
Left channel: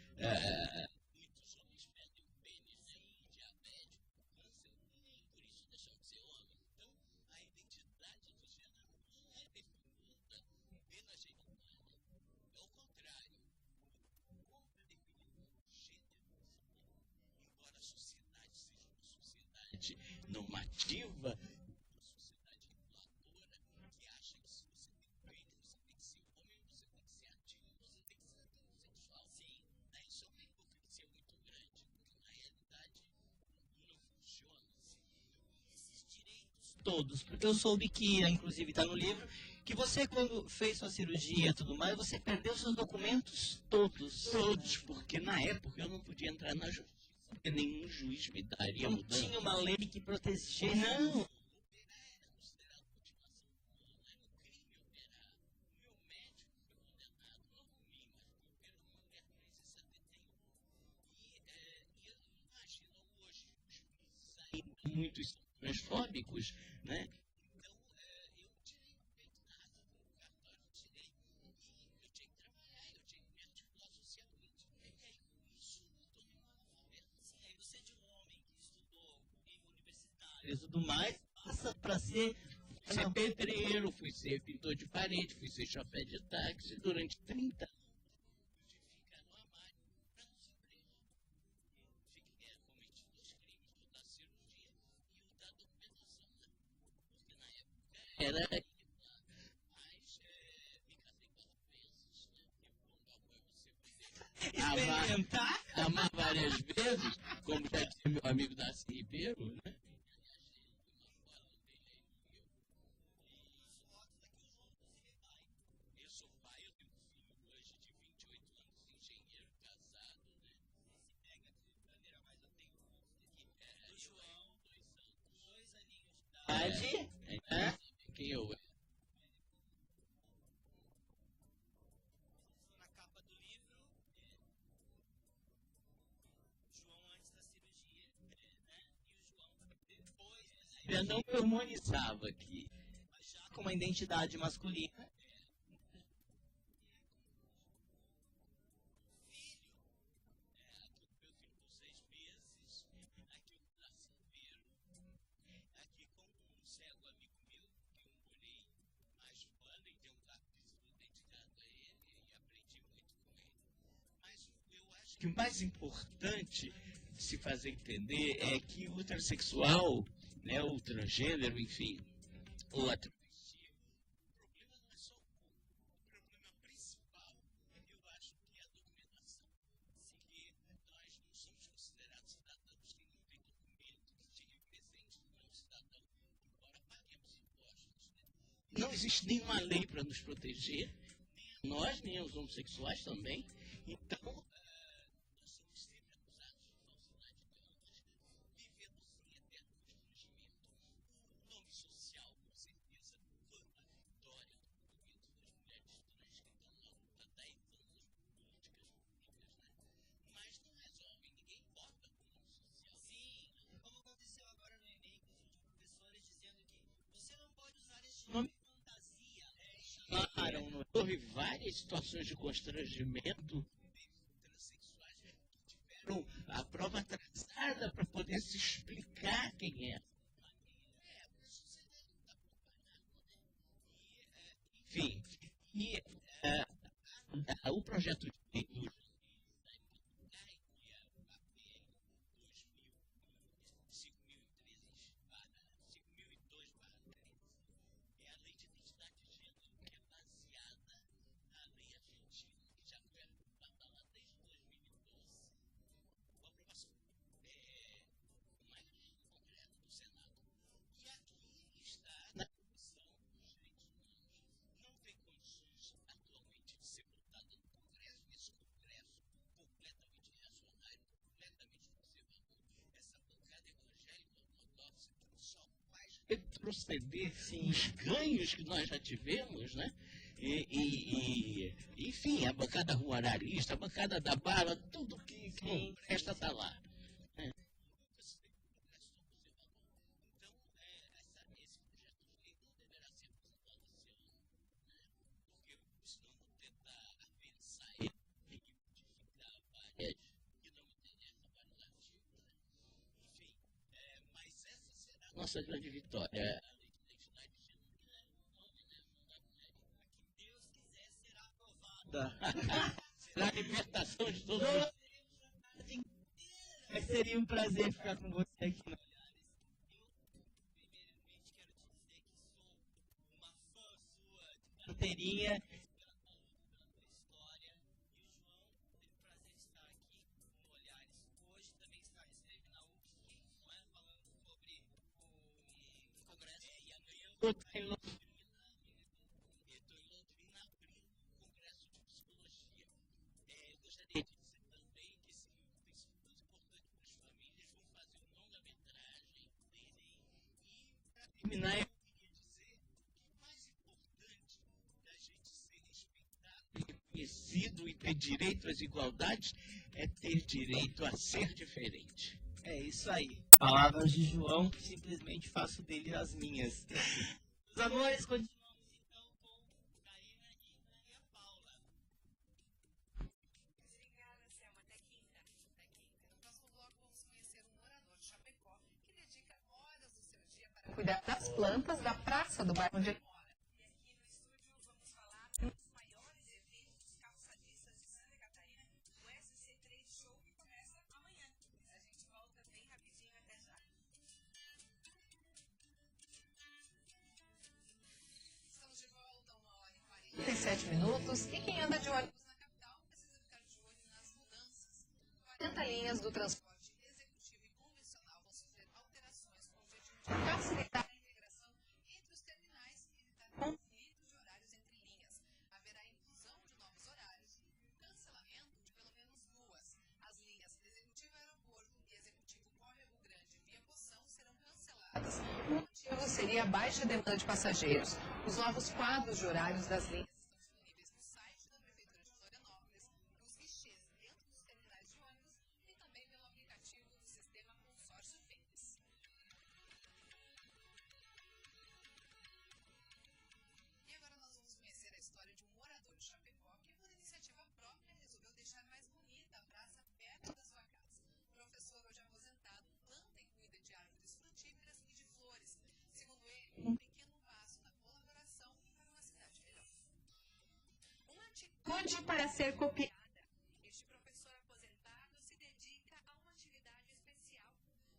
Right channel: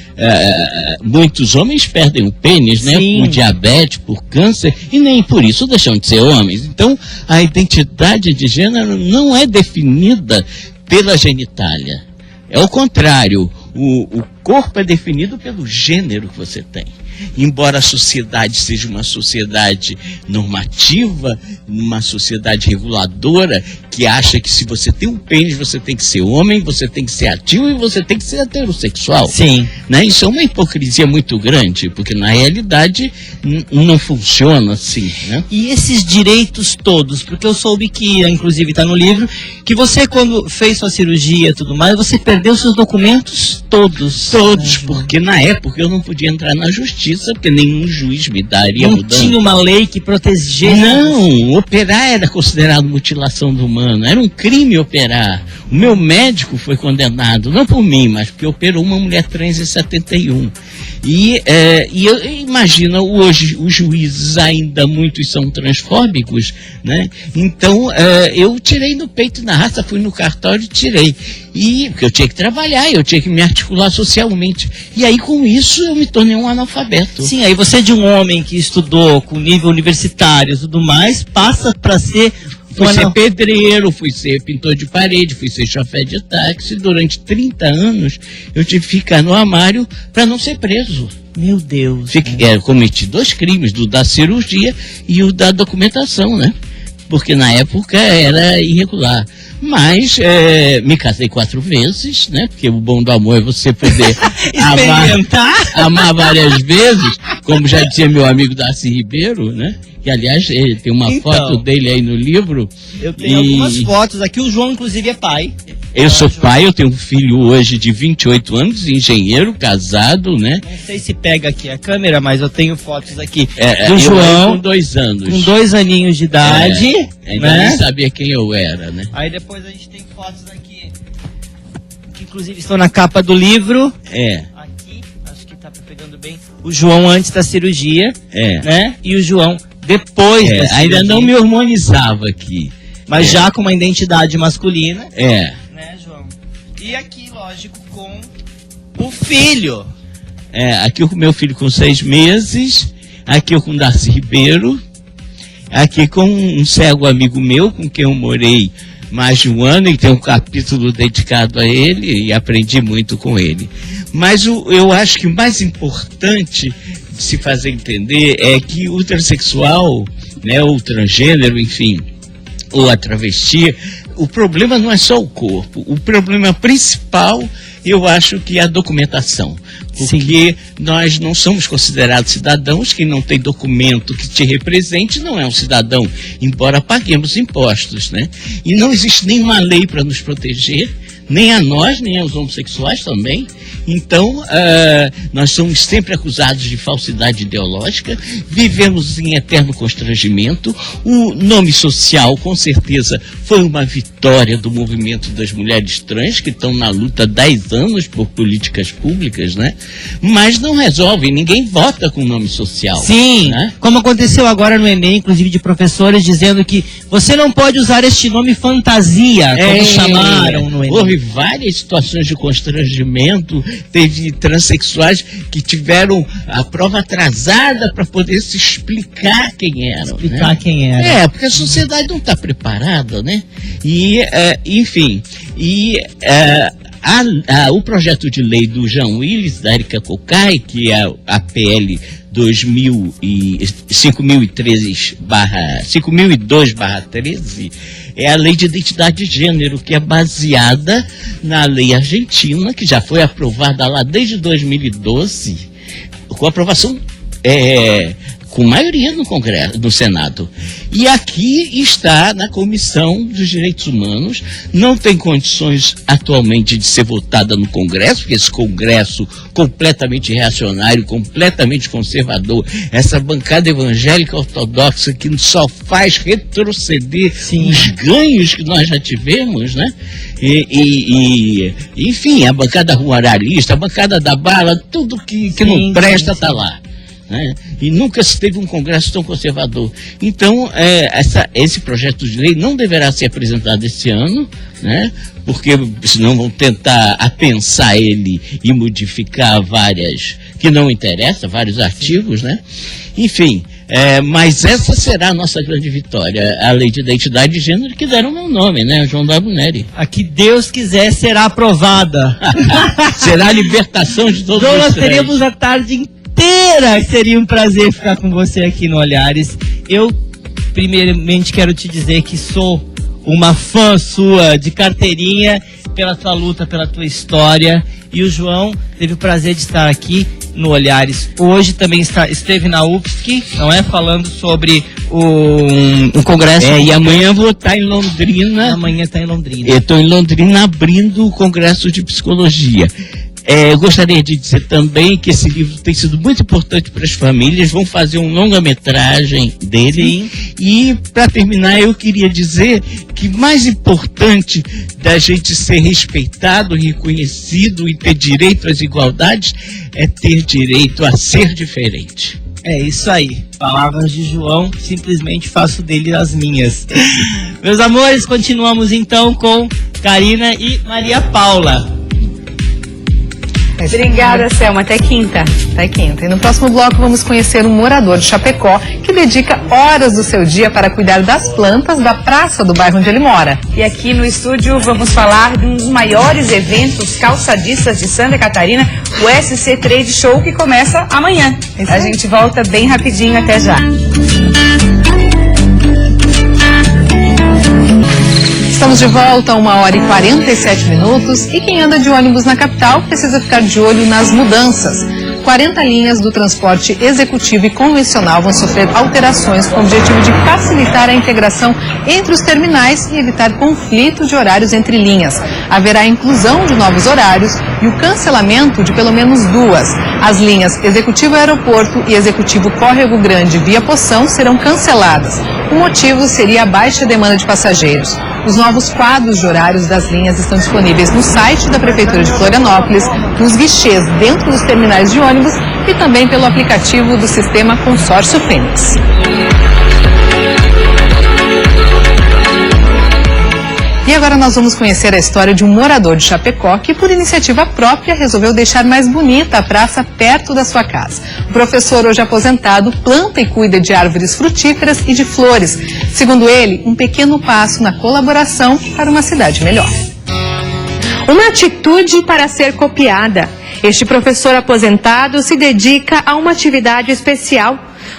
muitos homens perdem o pênis, né? Por diabetes, por câncer, e nem por isso deixam de ser homens. Então, a identidade de gênero não é definida pela genitália. É o contrário, o corpo é definido pelo gênero que você tem. Embora a sociedade seja uma sociedade normativa, uma sociedade reguladora, que acha que se você tem um pênis, você tem que ser homem, você tem que ser ativo e você tem que ser heterossexual. Sim. Né? Isso é uma hipocrisia muito grande, porque na realidade não funciona assim, né? E esses direitos todos, porque eu soube que, inclusive está no livro, que você quando fez sua cirurgia e tudo mais, você perdeu seus documentos todos. Todos, porque na época eu não podia entrar na justiça, porque nenhum juiz me daria mudança. Não tinha uma lei que protegesse? Não, operar era considerado mutilação do humano, era um crime operar. O meu médico foi condenado, não por mim, mas porque operou uma mulher trans em 71. E eu imagino, hoje os juízes ainda muitos são transfóbicos, né? Então eu tirei no peito e na raça, fui no cartório e tirei. Porque eu tinha que trabalhar, eu tinha que me articular socialmente. E aí com isso eu me tornei um analfabeto. Sim, aí você de um homem que estudou com nível universitário e tudo mais, passa para ser... Fui ser pedreiro, fui ser pintor de parede, fui ser chofé de táxi. Durante 30 anos eu tive que ficar no armário para não ser preso. Meu Deus. Cometi 2 crimes, o da cirurgia e o da documentação, né? porque na época era irregular. Mas me casei 4 vezes, né? Porque o bom do amor é você poder amar várias vezes, como já dizia meu amigo Darcy Ribeiro, né? Que, aliás, tem uma foto dele aí no livro. Eu tenho algumas fotos aqui. O João, inclusive, é pai. Eu sou pai, eu tenho um filho hoje de 28 anos, engenheiro, casado, né? Não sei se pega aqui a câmera, mas eu tenho fotos aqui do João. Com 2 anos. Com 2 aninhos de idade. Ainda nem sabia quem eu era, né? Aí depois a gente tem fotos aqui, que inclusive estão na capa do livro. Aqui, acho que tá pegando bem. O João antes da cirurgia, né? E o João depois da cirurgia. Ainda não me hormonizava aqui. Mas já com uma identidade masculina. Né, João? E aqui, lógico, com o filho. Aqui eu com meu filho com 6 meses, aqui eu com Darcy Ribeiro, aqui com um cego amigo meu, com quem eu morei mais de 1 ano, e tem um capítulo dedicado a ele, e aprendi muito com ele. Mas eu acho que o mais importante de se fazer entender é que o transexual, né, ou o transgênero, enfim, ou a travesti, o problema não é só o corpo. O problema principal, eu acho que é a documentação. Porque nós não somos considerados cidadãos. Quem não tem documento que te represente não é um cidadão, embora paguemos impostos, né? E não existe nenhuma lei para nos proteger, nem a nós, nem aos homossexuais também. Então, nós somos sempre acusados de falsidade ideológica, vivemos em eterno constrangimento. O nome social, com certeza, foi uma vitória do movimento das mulheres trans, que estão na luta há 10 anos por políticas públicas, né? Mas não resolve, ninguém vota com nome social. Sim, né? Como aconteceu agora no Enem, inclusive de professores dizendo que você não pode usar este nome fantasia, como chamaram no Enem. Houve várias situações de constrangimento. Teve transexuais que tiveram a prova atrasada para poder se explicar quem eram. Quem era. Porque a sociedade não está preparada, né? E, enfim, o projeto de lei do Jean Willis, da Erika Cocai, que é a PL 5002/13, é a lei de identidade de gênero, que é baseada na lei argentina, que já foi aprovada lá desde 2012, com aprovação com maioria no Congresso, no Senado. E aqui está na Comissão dos Direitos Humanos, não tem condições atualmente de ser votada no Congresso, porque esse Congresso completamente reacionário, completamente conservador, essa bancada evangélica ortodoxa que só faz retroceder os ganhos que nós já tivemos, né? Enfim, a bancada ruralista, a bancada da bala, tudo que não presta está lá. Né? E nunca se teve um Congresso tão conservador. Então, esse projeto de lei não deverá ser apresentado esse ano, né? Porque senão vão tentar apensar ele e modificar várias que não interessam, vários artigos, né? Enfim, mas essa será a nossa grande vitória, a lei de identidade de gênero, que deram meu nome, né? João W. Neri. A que Deus quiser será aprovada. Será a libertação de todos então, os nós três. teremos a tarde inteira. Seria um prazer ficar com você aqui no Olhares. Eu, primeiramente, quero te dizer que sou uma fã sua de carteirinha, pela tua luta, pela tua história. E o João teve o prazer de estar aqui no Olhares hoje, também esteve na UFSC, não é? Falando sobre o congresso. E amanhã vou estar em Londrina. Amanhã está em Londrina. Eu estou em Londrina abrindo o congresso de psicologia. Eu gostaria de dizer também que esse livro tem sido muito importante para as famílias, vão fazer um longa-metragem dele. Sim. E, para terminar, eu queria dizer que mais importante da gente ser respeitado, reconhecido e ter direito às igualdades é ter direito a ser diferente. É isso aí. Palavras de João, simplesmente faço dele as minhas. Meus amores, continuamos então com Karina e Maria Paula. Obrigada, Selma. Até quinta. Até quinta. E no próximo bloco vamos conhecer um morador de Chapecó que dedica horas do seu dia para cuidar das plantas da praça do bairro onde ele mora. E aqui no estúdio vamos falar de um dos maiores eventos calçadistas de Santa Catarina, o SC Trade Show, que começa amanhã. A gente volta bem rapidinho, até já. Estamos de volta a 1h47 e quem anda de ônibus na capital precisa ficar de olho nas mudanças. 40 linhas do transporte executivo e convencional vão sofrer alterações com o objetivo de facilitar a integração entre os terminais e evitar conflito de horários entre linhas. Haverá a inclusão de novos horários e o cancelamento de pelo menos 2. As linhas Executivo Aeroporto e Executivo Córrego Grande via Poção serão canceladas. O motivo seria a baixa demanda de passageiros. Os novos quadros de horários das linhas estão disponíveis no site da Prefeitura de Florianópolis, nos guichês dentro dos terminais de ônibus e também pelo aplicativo do sistema Consórcio Fênix. E agora nós vamos conhecer a história de um morador de Chapecó que, por iniciativa própria, resolveu deixar mais bonita a praça perto da sua casa. O professor, hoje aposentado, planta e cuida de árvores frutíferas e de flores. Segundo ele, um pequeno passo na colaboração para uma cidade melhor. Uma atitude para ser copiada. Este professor aposentado se dedica a uma atividade especial.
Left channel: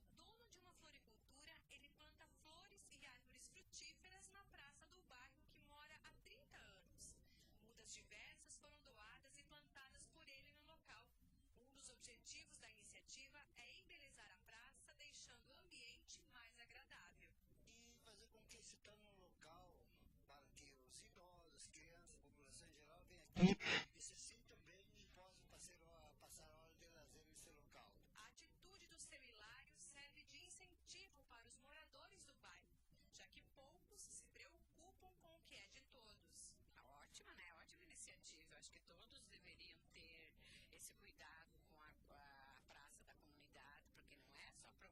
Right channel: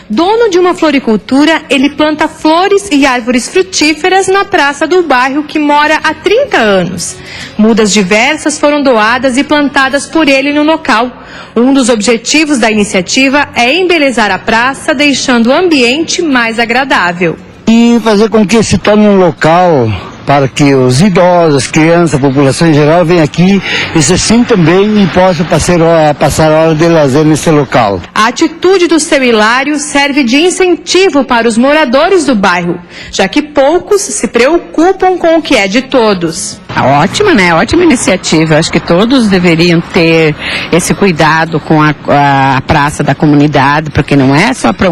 Dono de uma floricultura, ele planta flores e árvores frutíferas na praça do bairro que mora há 30 anos. Mudas diversas foram doadas e plantadas por ele no local. Um dos objetivos da iniciativa é embelezar a praça, deixando o ambiente mais agradável. E fazer com que se torne um local para que os idosos, as crianças, a população em geral venham aqui e se sintam bem e possam passar hora de lazer nesse local. A atitude do seu Hilário serve de incentivo para os moradores do bairro, já que poucos se preocupam com o que é de todos. Ótima, né? Ótima iniciativa. Acho que todos deveriam ter esse cuidado com a praça da comunidade, porque não é só para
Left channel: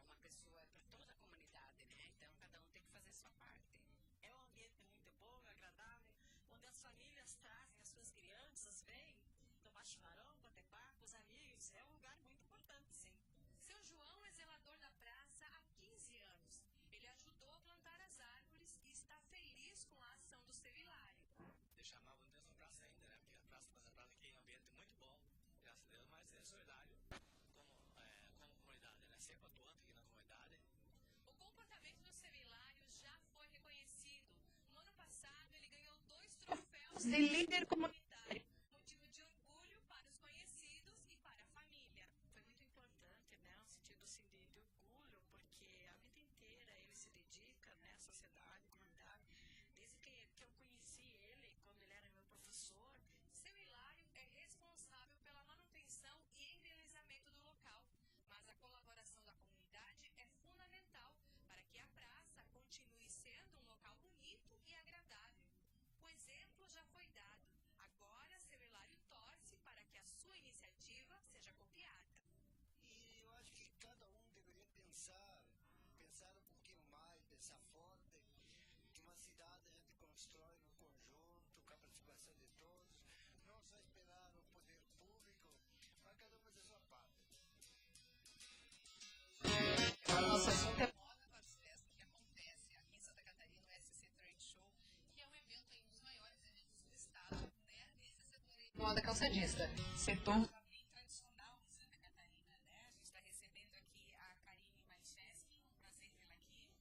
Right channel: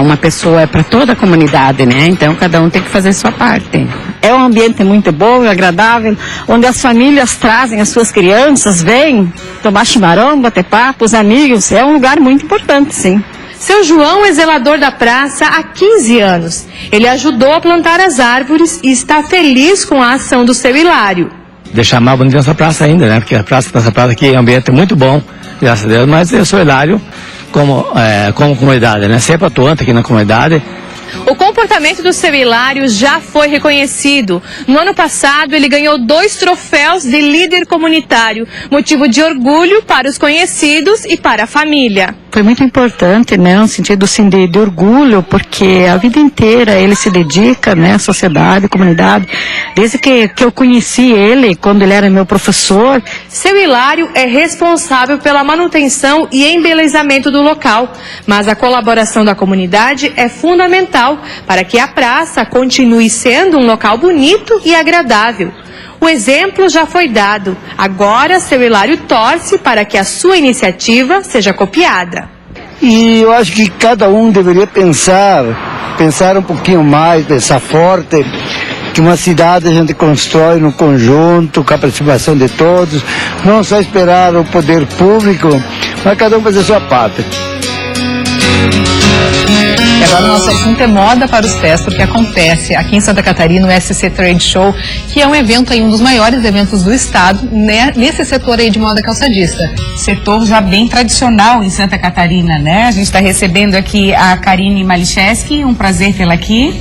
uma pessoa, é para toda a comunidade, né? Então cada um tem que fazer sua parte. É um ambiente muito bom e agradável, onde as famílias trazem as suas crianças, vêm tomar chimarrão, bater papo, os amigos. É um lugar muito importante, sim. Seu João é zelador da praça há 15 anos. Ele ajudou a plantar as árvores e está feliz com a ação do seu Hilário. Deixar mais bonita essa praça ainda, né? Porque essa praça aqui é um ambiente muito bom, graças a Deus, mas eu sou Hilário como comunidade, né? Sempre atuante aqui na comunidade. O comportamento do seu Hilário já foi reconhecido. No ano passado, ele ganhou 2 troféus de líder comunitário, motivo de orgulho para os conhecidos e para a família. Foi muito importante, né, no sentido assim, de orgulho, porque a vida inteira ele se dedica, né, à sociedade, à comunidade. Desde que eu conheci ele, quando ele era meu professor. Seu Hilário é responsável pela manutenção e embelezamento do local, mas a colaboração da comunidade é fundamental para que a praça continue sendo um local bonito e agradável. O exemplo já foi dado. Agora, seu Hilário torce para que a sua iniciativa seja copiada. E eu acho que cada um deveria pensar um pouquinho mais, pensar forte, que uma cidade a gente constrói no conjunto, com a participação de todos, não só esperar o poder público, mas cada um fazer a sua parte. E agora o nosso assunto é moda para os pés, porque acontece aqui em Santa Catarina o SC Trade Show, que é um evento aí, um dos maiores eventos do estado, né, nesse setor aí de moda calçadista. Setor já bem tradicional em Santa Catarina, né? A gente está recebendo aqui a Karine Malicheski, um prazer tê-la aqui.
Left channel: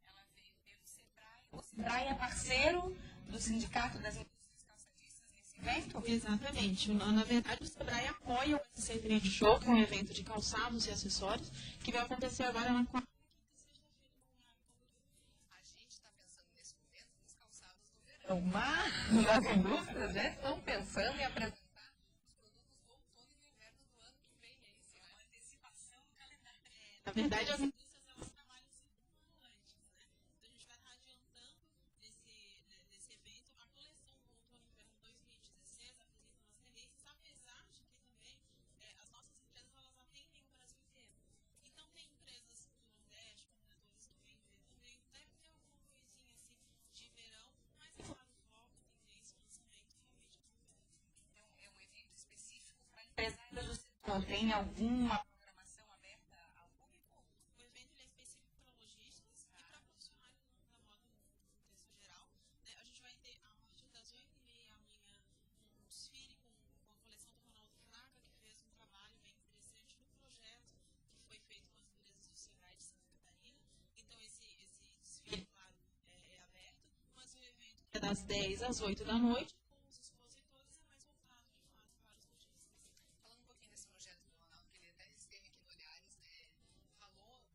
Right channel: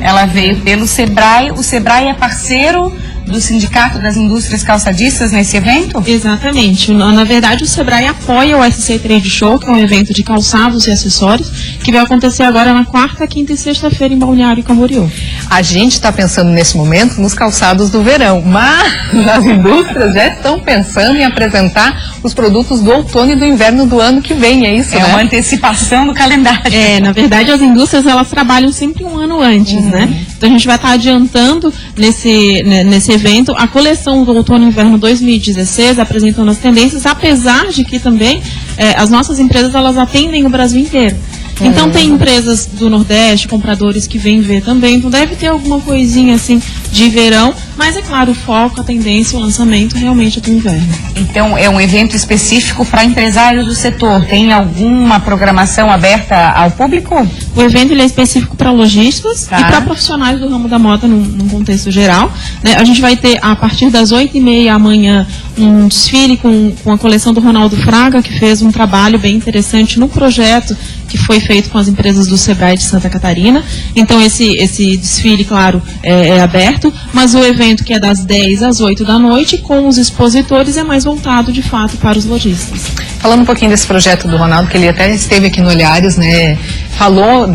Ela veio pelo Sebrae. O Sebrae é parceiro do Sindicato das Indústrias Calçadistas nesse evento? Exatamente. Na verdade, o Sebrae apoia o SC Trade Show, que é um evento de calçados e acessórios, que vai acontecer agora na quarta, quinta e sexta-feira em Balneário Camboriú. A gente está pensando nesse momento nos calçados do verão, mas as indústrias já estão pensando em apresentar os produtos do outono e do inverno do ano que vem, é isso, né? É uma antecipação do calendário. Na verdade, as indústrias, elas trabalham sempre um ano antes, né? Então a gente vai estar adiantando nesse evento a coleção do outono e inverno 2016, apresentando as tendências, apesar de que também as nossas empresas, elas atendem o Brasil inteiro. Então tem empresas do Nordeste, compradores que vêm ver também, então deve ter alguma coisinha assim de verão, mas é claro, o foco, a tendência, o lançamento realmente é do inverno. Então é um evento específico para empresários do setor, tem alguma programação aberta ao público? O evento ele é específico para lojistas e para profissionais do ramo da moda num contexto geral, né? A gente vai ter a partir das 8h30 amanhã um desfile com a coleção do Ronaldo Fraga, que fez um trabalho bem interessante no projeto que foi feito com as empresas do Sebrae de Santa Catarina. Então esse desfile, claro, é aberto, mas o evento, que é das 10 às 8 da noite, com os expositores, é mais voltado de fato para os lojistas. Falando um pouquinho desse projeto do Ronaldo, que ele até esteve aqui no Olhares, né? Falou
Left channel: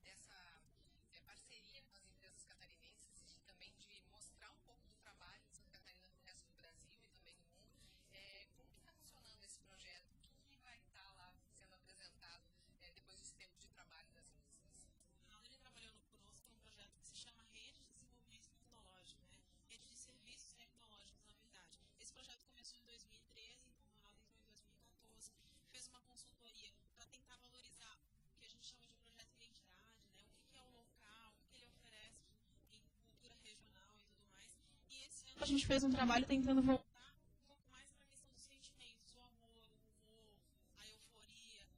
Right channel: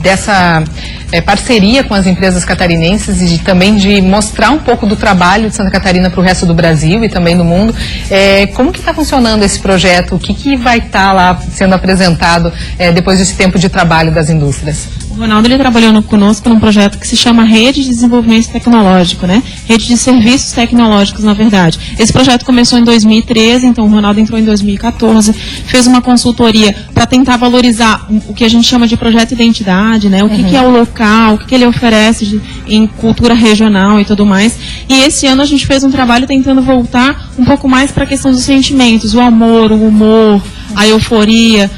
dessa parceria com as empresas catarinenses e também de mostrar um pouco do trabalho de Santa Catarina para o resto do Brasil e também do mundo. Como que está funcionando esse projeto? O que vai estar lá sendo apresentado depois desse tempo de trabalho das indústrias? O Ronaldo, ele trabalhou conosco num projeto que se chama Rede de Desenvolvimento Tecnológico, né? Rede de Serviços Tecnológicos, na verdade. Esse projeto começou em 2013, então o Ronaldo entrou em 2014, fez uma consultoria para tentar valorizar o que a gente chama de projeto identidade, né? O que é o local, o que ele oferece em cultura regional e tudo mais. E esse ano a gente fez um trabalho tentando voltar um pouco mais para a questão dos sentimentos, o amor, o humor, a euforia.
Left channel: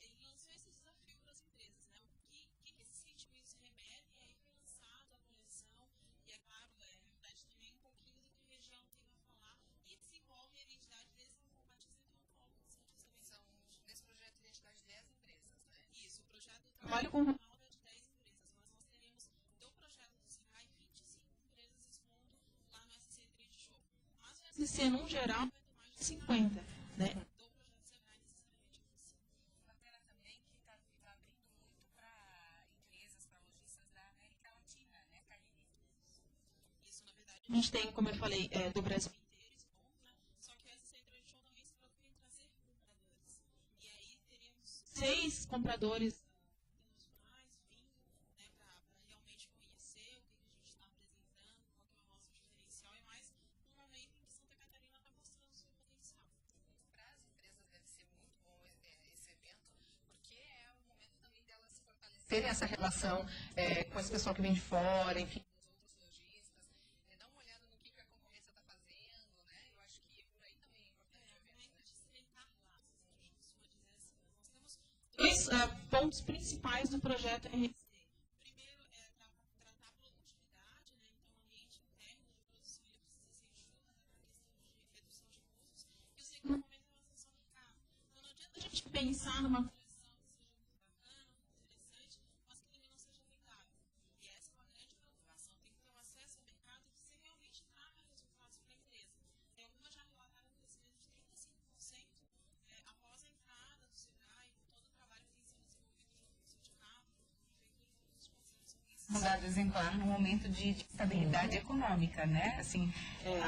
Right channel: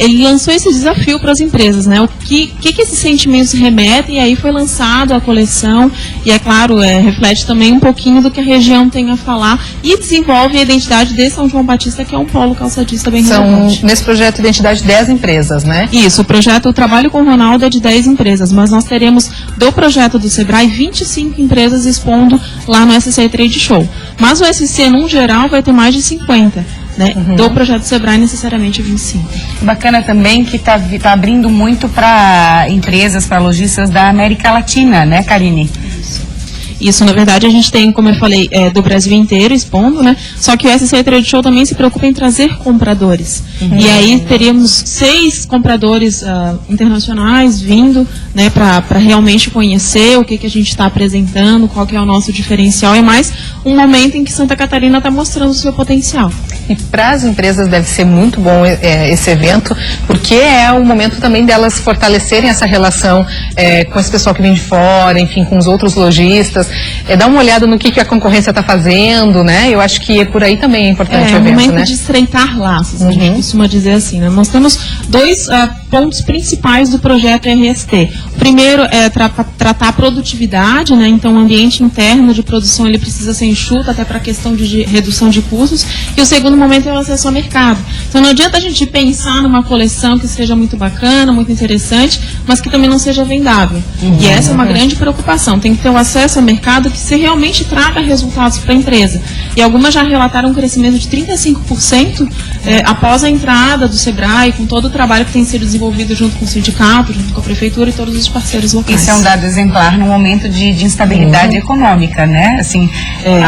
Ele lançou esse desafio para as empresas, né? O que esses sentimentos remetem, e aí foi lançado a coleção, e é claro, reflete também um pouquinho do que a região tem a falar e desenvolve a identidade de São João Batista, que é um polo calçadista bem relevante. São, nesse projeto, identidade 10 empresas, né? Isso, o trabalho com o Ronaldo é de 10 empresas, mas nós teremos do projeto do Sebrae 25 empresas expondo lá no SC Trade Show. Mas o SC, num geral, vai ter mais de 50. Né? Do projeto Sebrae, necessariamente 25. Bacana também que tá abrindo muito para empresas, para lojistas da América Latina, né, Karine? Isso, na verdade, a gente tem, como eu falei, do Brasil inteiro expondo, né? Só que o SC Trade Show também se preocupa em trazer compradores. E aí teríamos 6 compradores internacionais vindo, né, para realmente conhecer o que a gente está apresentando, qual que é o nosso diferencial. É mais um momento em que Santa Catarina está mostrando o seu potencial. E para as empresas deve ser muito bom esse evento, porque é o momento também delas fortalecerem essa relação com esse pessoal que vem de fora, enfim, com os outros lojistas, dar uma olhada no que a concorrência está fazendo, né? Eu acho que por aí também é importante o evento, né? É um momento de estreitar laços, a gente costuma dizer assim, né? Nós temos 2 pontos principais do projeto RST. O primeiro é tratar a produtividade, né? Então o ambiente interno de produção ele precisa ser enxuto até para a questão de redução de custos. E o segundo momento é o acesso ao mercado. Então não adianta a gente pensar numa coleção que seja muito bacana, muito interessante, mas que também não seja vendável. E essa é uma grande preocupação. Tem que ter o acesso ao mercado que se realmente traga resultados para a empresa. E algumas já relataram um crescimento de 35% após a entrada do Sebrae, com todo o trabalho que tem sido desenvolvido junto com o sindicato, junto com a prefeitura e todos os parceiros locais. Isso é um dado exemplar no momento de instabilidade econômica, né? Assim,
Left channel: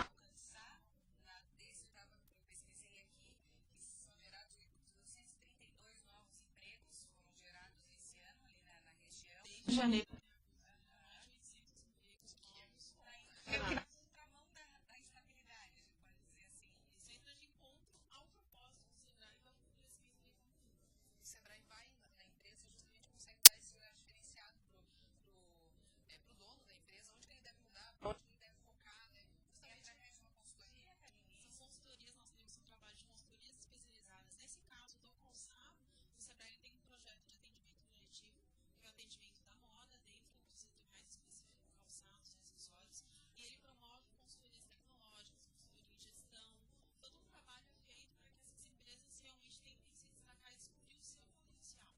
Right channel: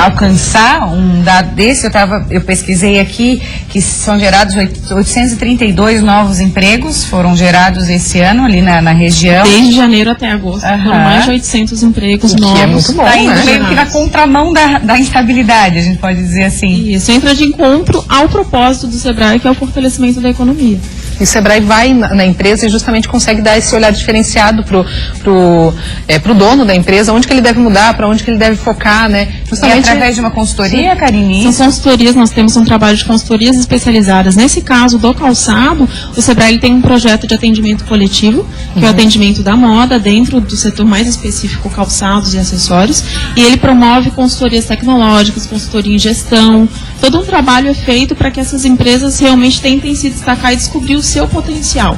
alcançar um dado desse, eu pesquisei aqui que são gerados 832 novos empregos, foram gerados esse ano ali na região. Desde janeiro até agosto, foram mais de 800 empregos novos. Que é muito bom, tá indo meio que na contramão da instabilidade, a gente pode dizer assim. Isso entra de encontro ao propósito do Sebrae, que é o fortalecimento da economia. E o Sebrae vai na empresa e justamente consegue dar esse olhar diferenciado pro dono da empresa, onde que ele deve mudar, para onde que ele deve focar, né? Justamente através de uma consultoria, Karine? São consultorias, nós temos um trabalho de consultorias especializadas. Nesse caso do calçado, o Sebrae ele tem um projeto de atendimento coletivo, que é o atendimento da moda, dentro do setor mais específico, calçados e acessórios, e ele promove consultorias tecnológicas, consultoria em gestão. Todo um trabalho é feito para que essas empresas realmente tentem se destacar e descobrir o seu potencial.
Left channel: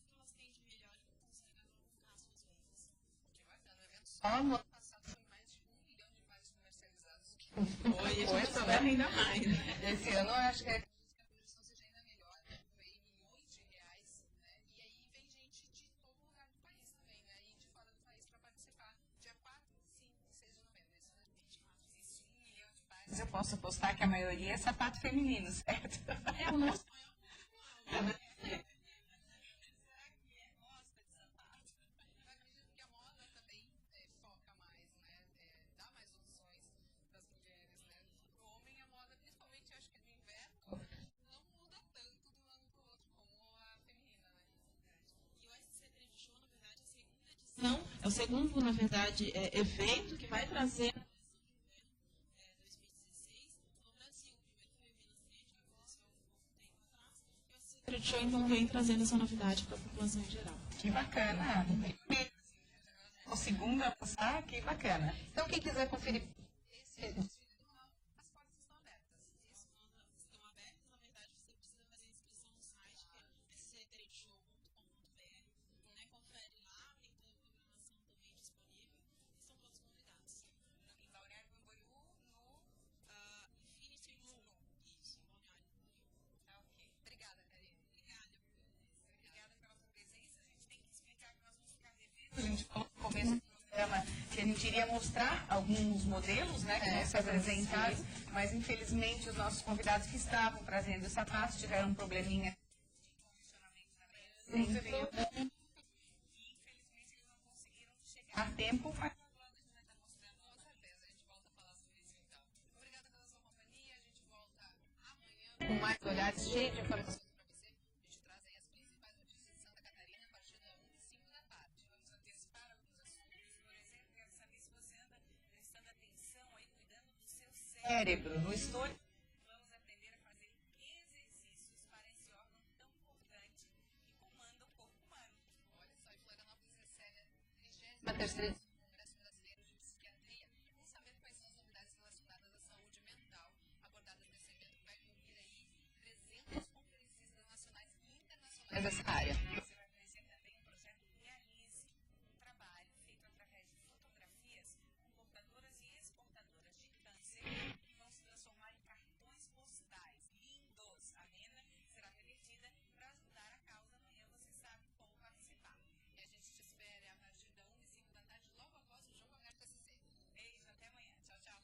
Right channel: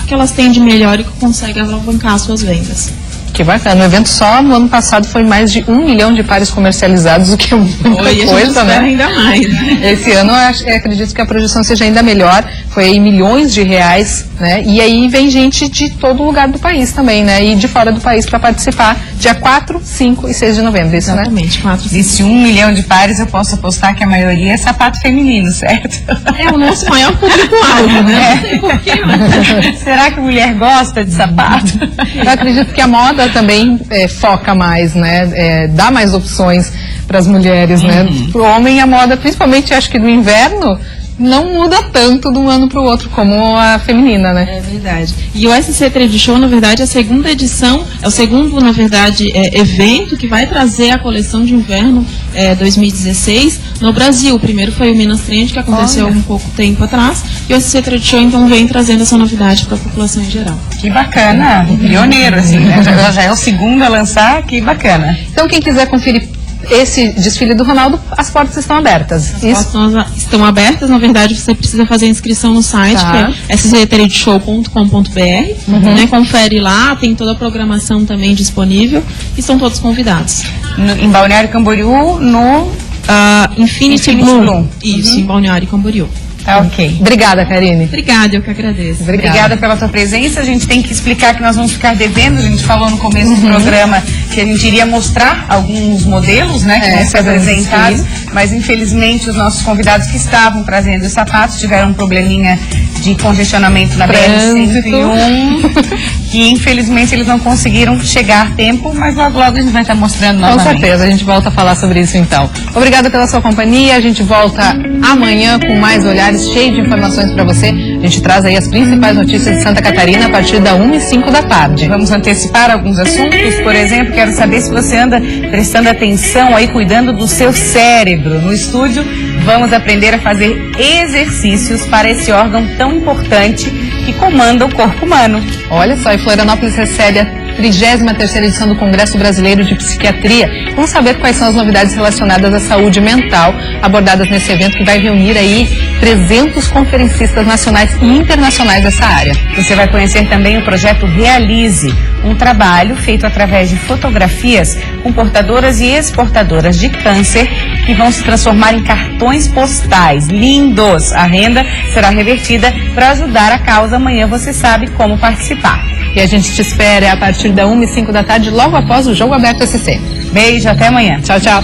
O que elas têm de melhor e que conseguem alavancar suas vendas. Que bacana. O evento só no ano passado foi mais de 1 milhão de pares comercializados, o que é muita coisa, né? Ainda mais. Esse ano eu acredito que a projeção seja ainda melhor. Foi aí milhões de reais, né? E aí vem gente de todo lugar do país também, né? E de fora do país para participar dia 4, 5 e 6 de novembro, isso, exatamente, né? 4, Disse 1 milhão de pares, eu posso apostar que a maioria é sapato feminino, certo? É o nosso maior público-alvo, né? Não sei por que não. Será que mulher gosta de sapato? Eu acredito que a moda também foca mais, né? Dá mais opções para as mulheres, né? Para o homem, a moda, principalmente acho que no inverno, não muda tanto de um ano para o outro como a feminina, né? É verdade. E o SC Trade Show, na verdade, é a segunda edição, é o segundo, na verdade, evento que vai trazer a coleção de inverno 2016 no Brasil. O primeiro foi o Minas Trend, que aconteceu um pouco tempo atrás, e o SC Trade Show, então, vem trazendo essa novidade para a população em geral. Que bacana, pioneiro, assim, né? Já é o segundo a lançar, que bacana. Então, quem quiser conferir esse desfile do Ronaldo, as portas estão abertas. As portas estão abertas, na verdade você precisa fazer a inscrição no site, Tá. que é sctradeshow.com.br, né? Confere lá, tem toda a programação também disponível e estão todos convidados. Em Balneário Camboriú, no Infinity Bloom. Isso, em Balneário Camboriú. Tá, ok. Obrigada, Karine. Obrigada, eu que agradeço. Obrigada pela tua presença. A gente tem que explicar que nós vamos ficar devendo. A gente falou no começo do programa que a gente iria mostrar alguns modelos, né, que vão ser apresentados, mas infelizmente os nossos convidados que estavam trazendo os sapatos tiveram um probleminha de congestionamento na BR-101, que infelizmente eles não conseguiram chegar a tempo, mas logo logo a gente vai estar mostrando novamente. Com certeza, a gente volta a falar sobre isso então. Obrigada pela sua companhia, a gente volta amanhã com mais olhares, cheio de informações para você. A gente traz aí as principais notícias de Santa Catarina a partir da 1h05 da tarde. Vamos antecipar alguns assuntos, por exemplo, quero saber se você anda prestando atenção aí, cuidando do seu cérebro. No estúdio, vamos aprender a fazer exercícios para esse órgão tão importante que comanda o corpo humano. Olha só, e Florianópolis recebe a 33ª edição do Congresso Brasileiro de Psiquiatria. Vamos saber quais são as novidades relacionadas à saúde mental abordadas nesse evento que vai reunir aí 300 conferencistas nacionais e internacionais dessa área. Você vai conhecer também o projeto Realize, um trabalho feito através de fotografias com portadoras e exportadoras de câncer que vão se transformar em cartões postais lindos. A renda será revertida para ajudar a causa. Amanhã você sabe como participar. E a gente te espera a partir da 1h05 da tarde, logo após o Jogo Aberto SC. Beijo, até amanhã. Tchau, tchau.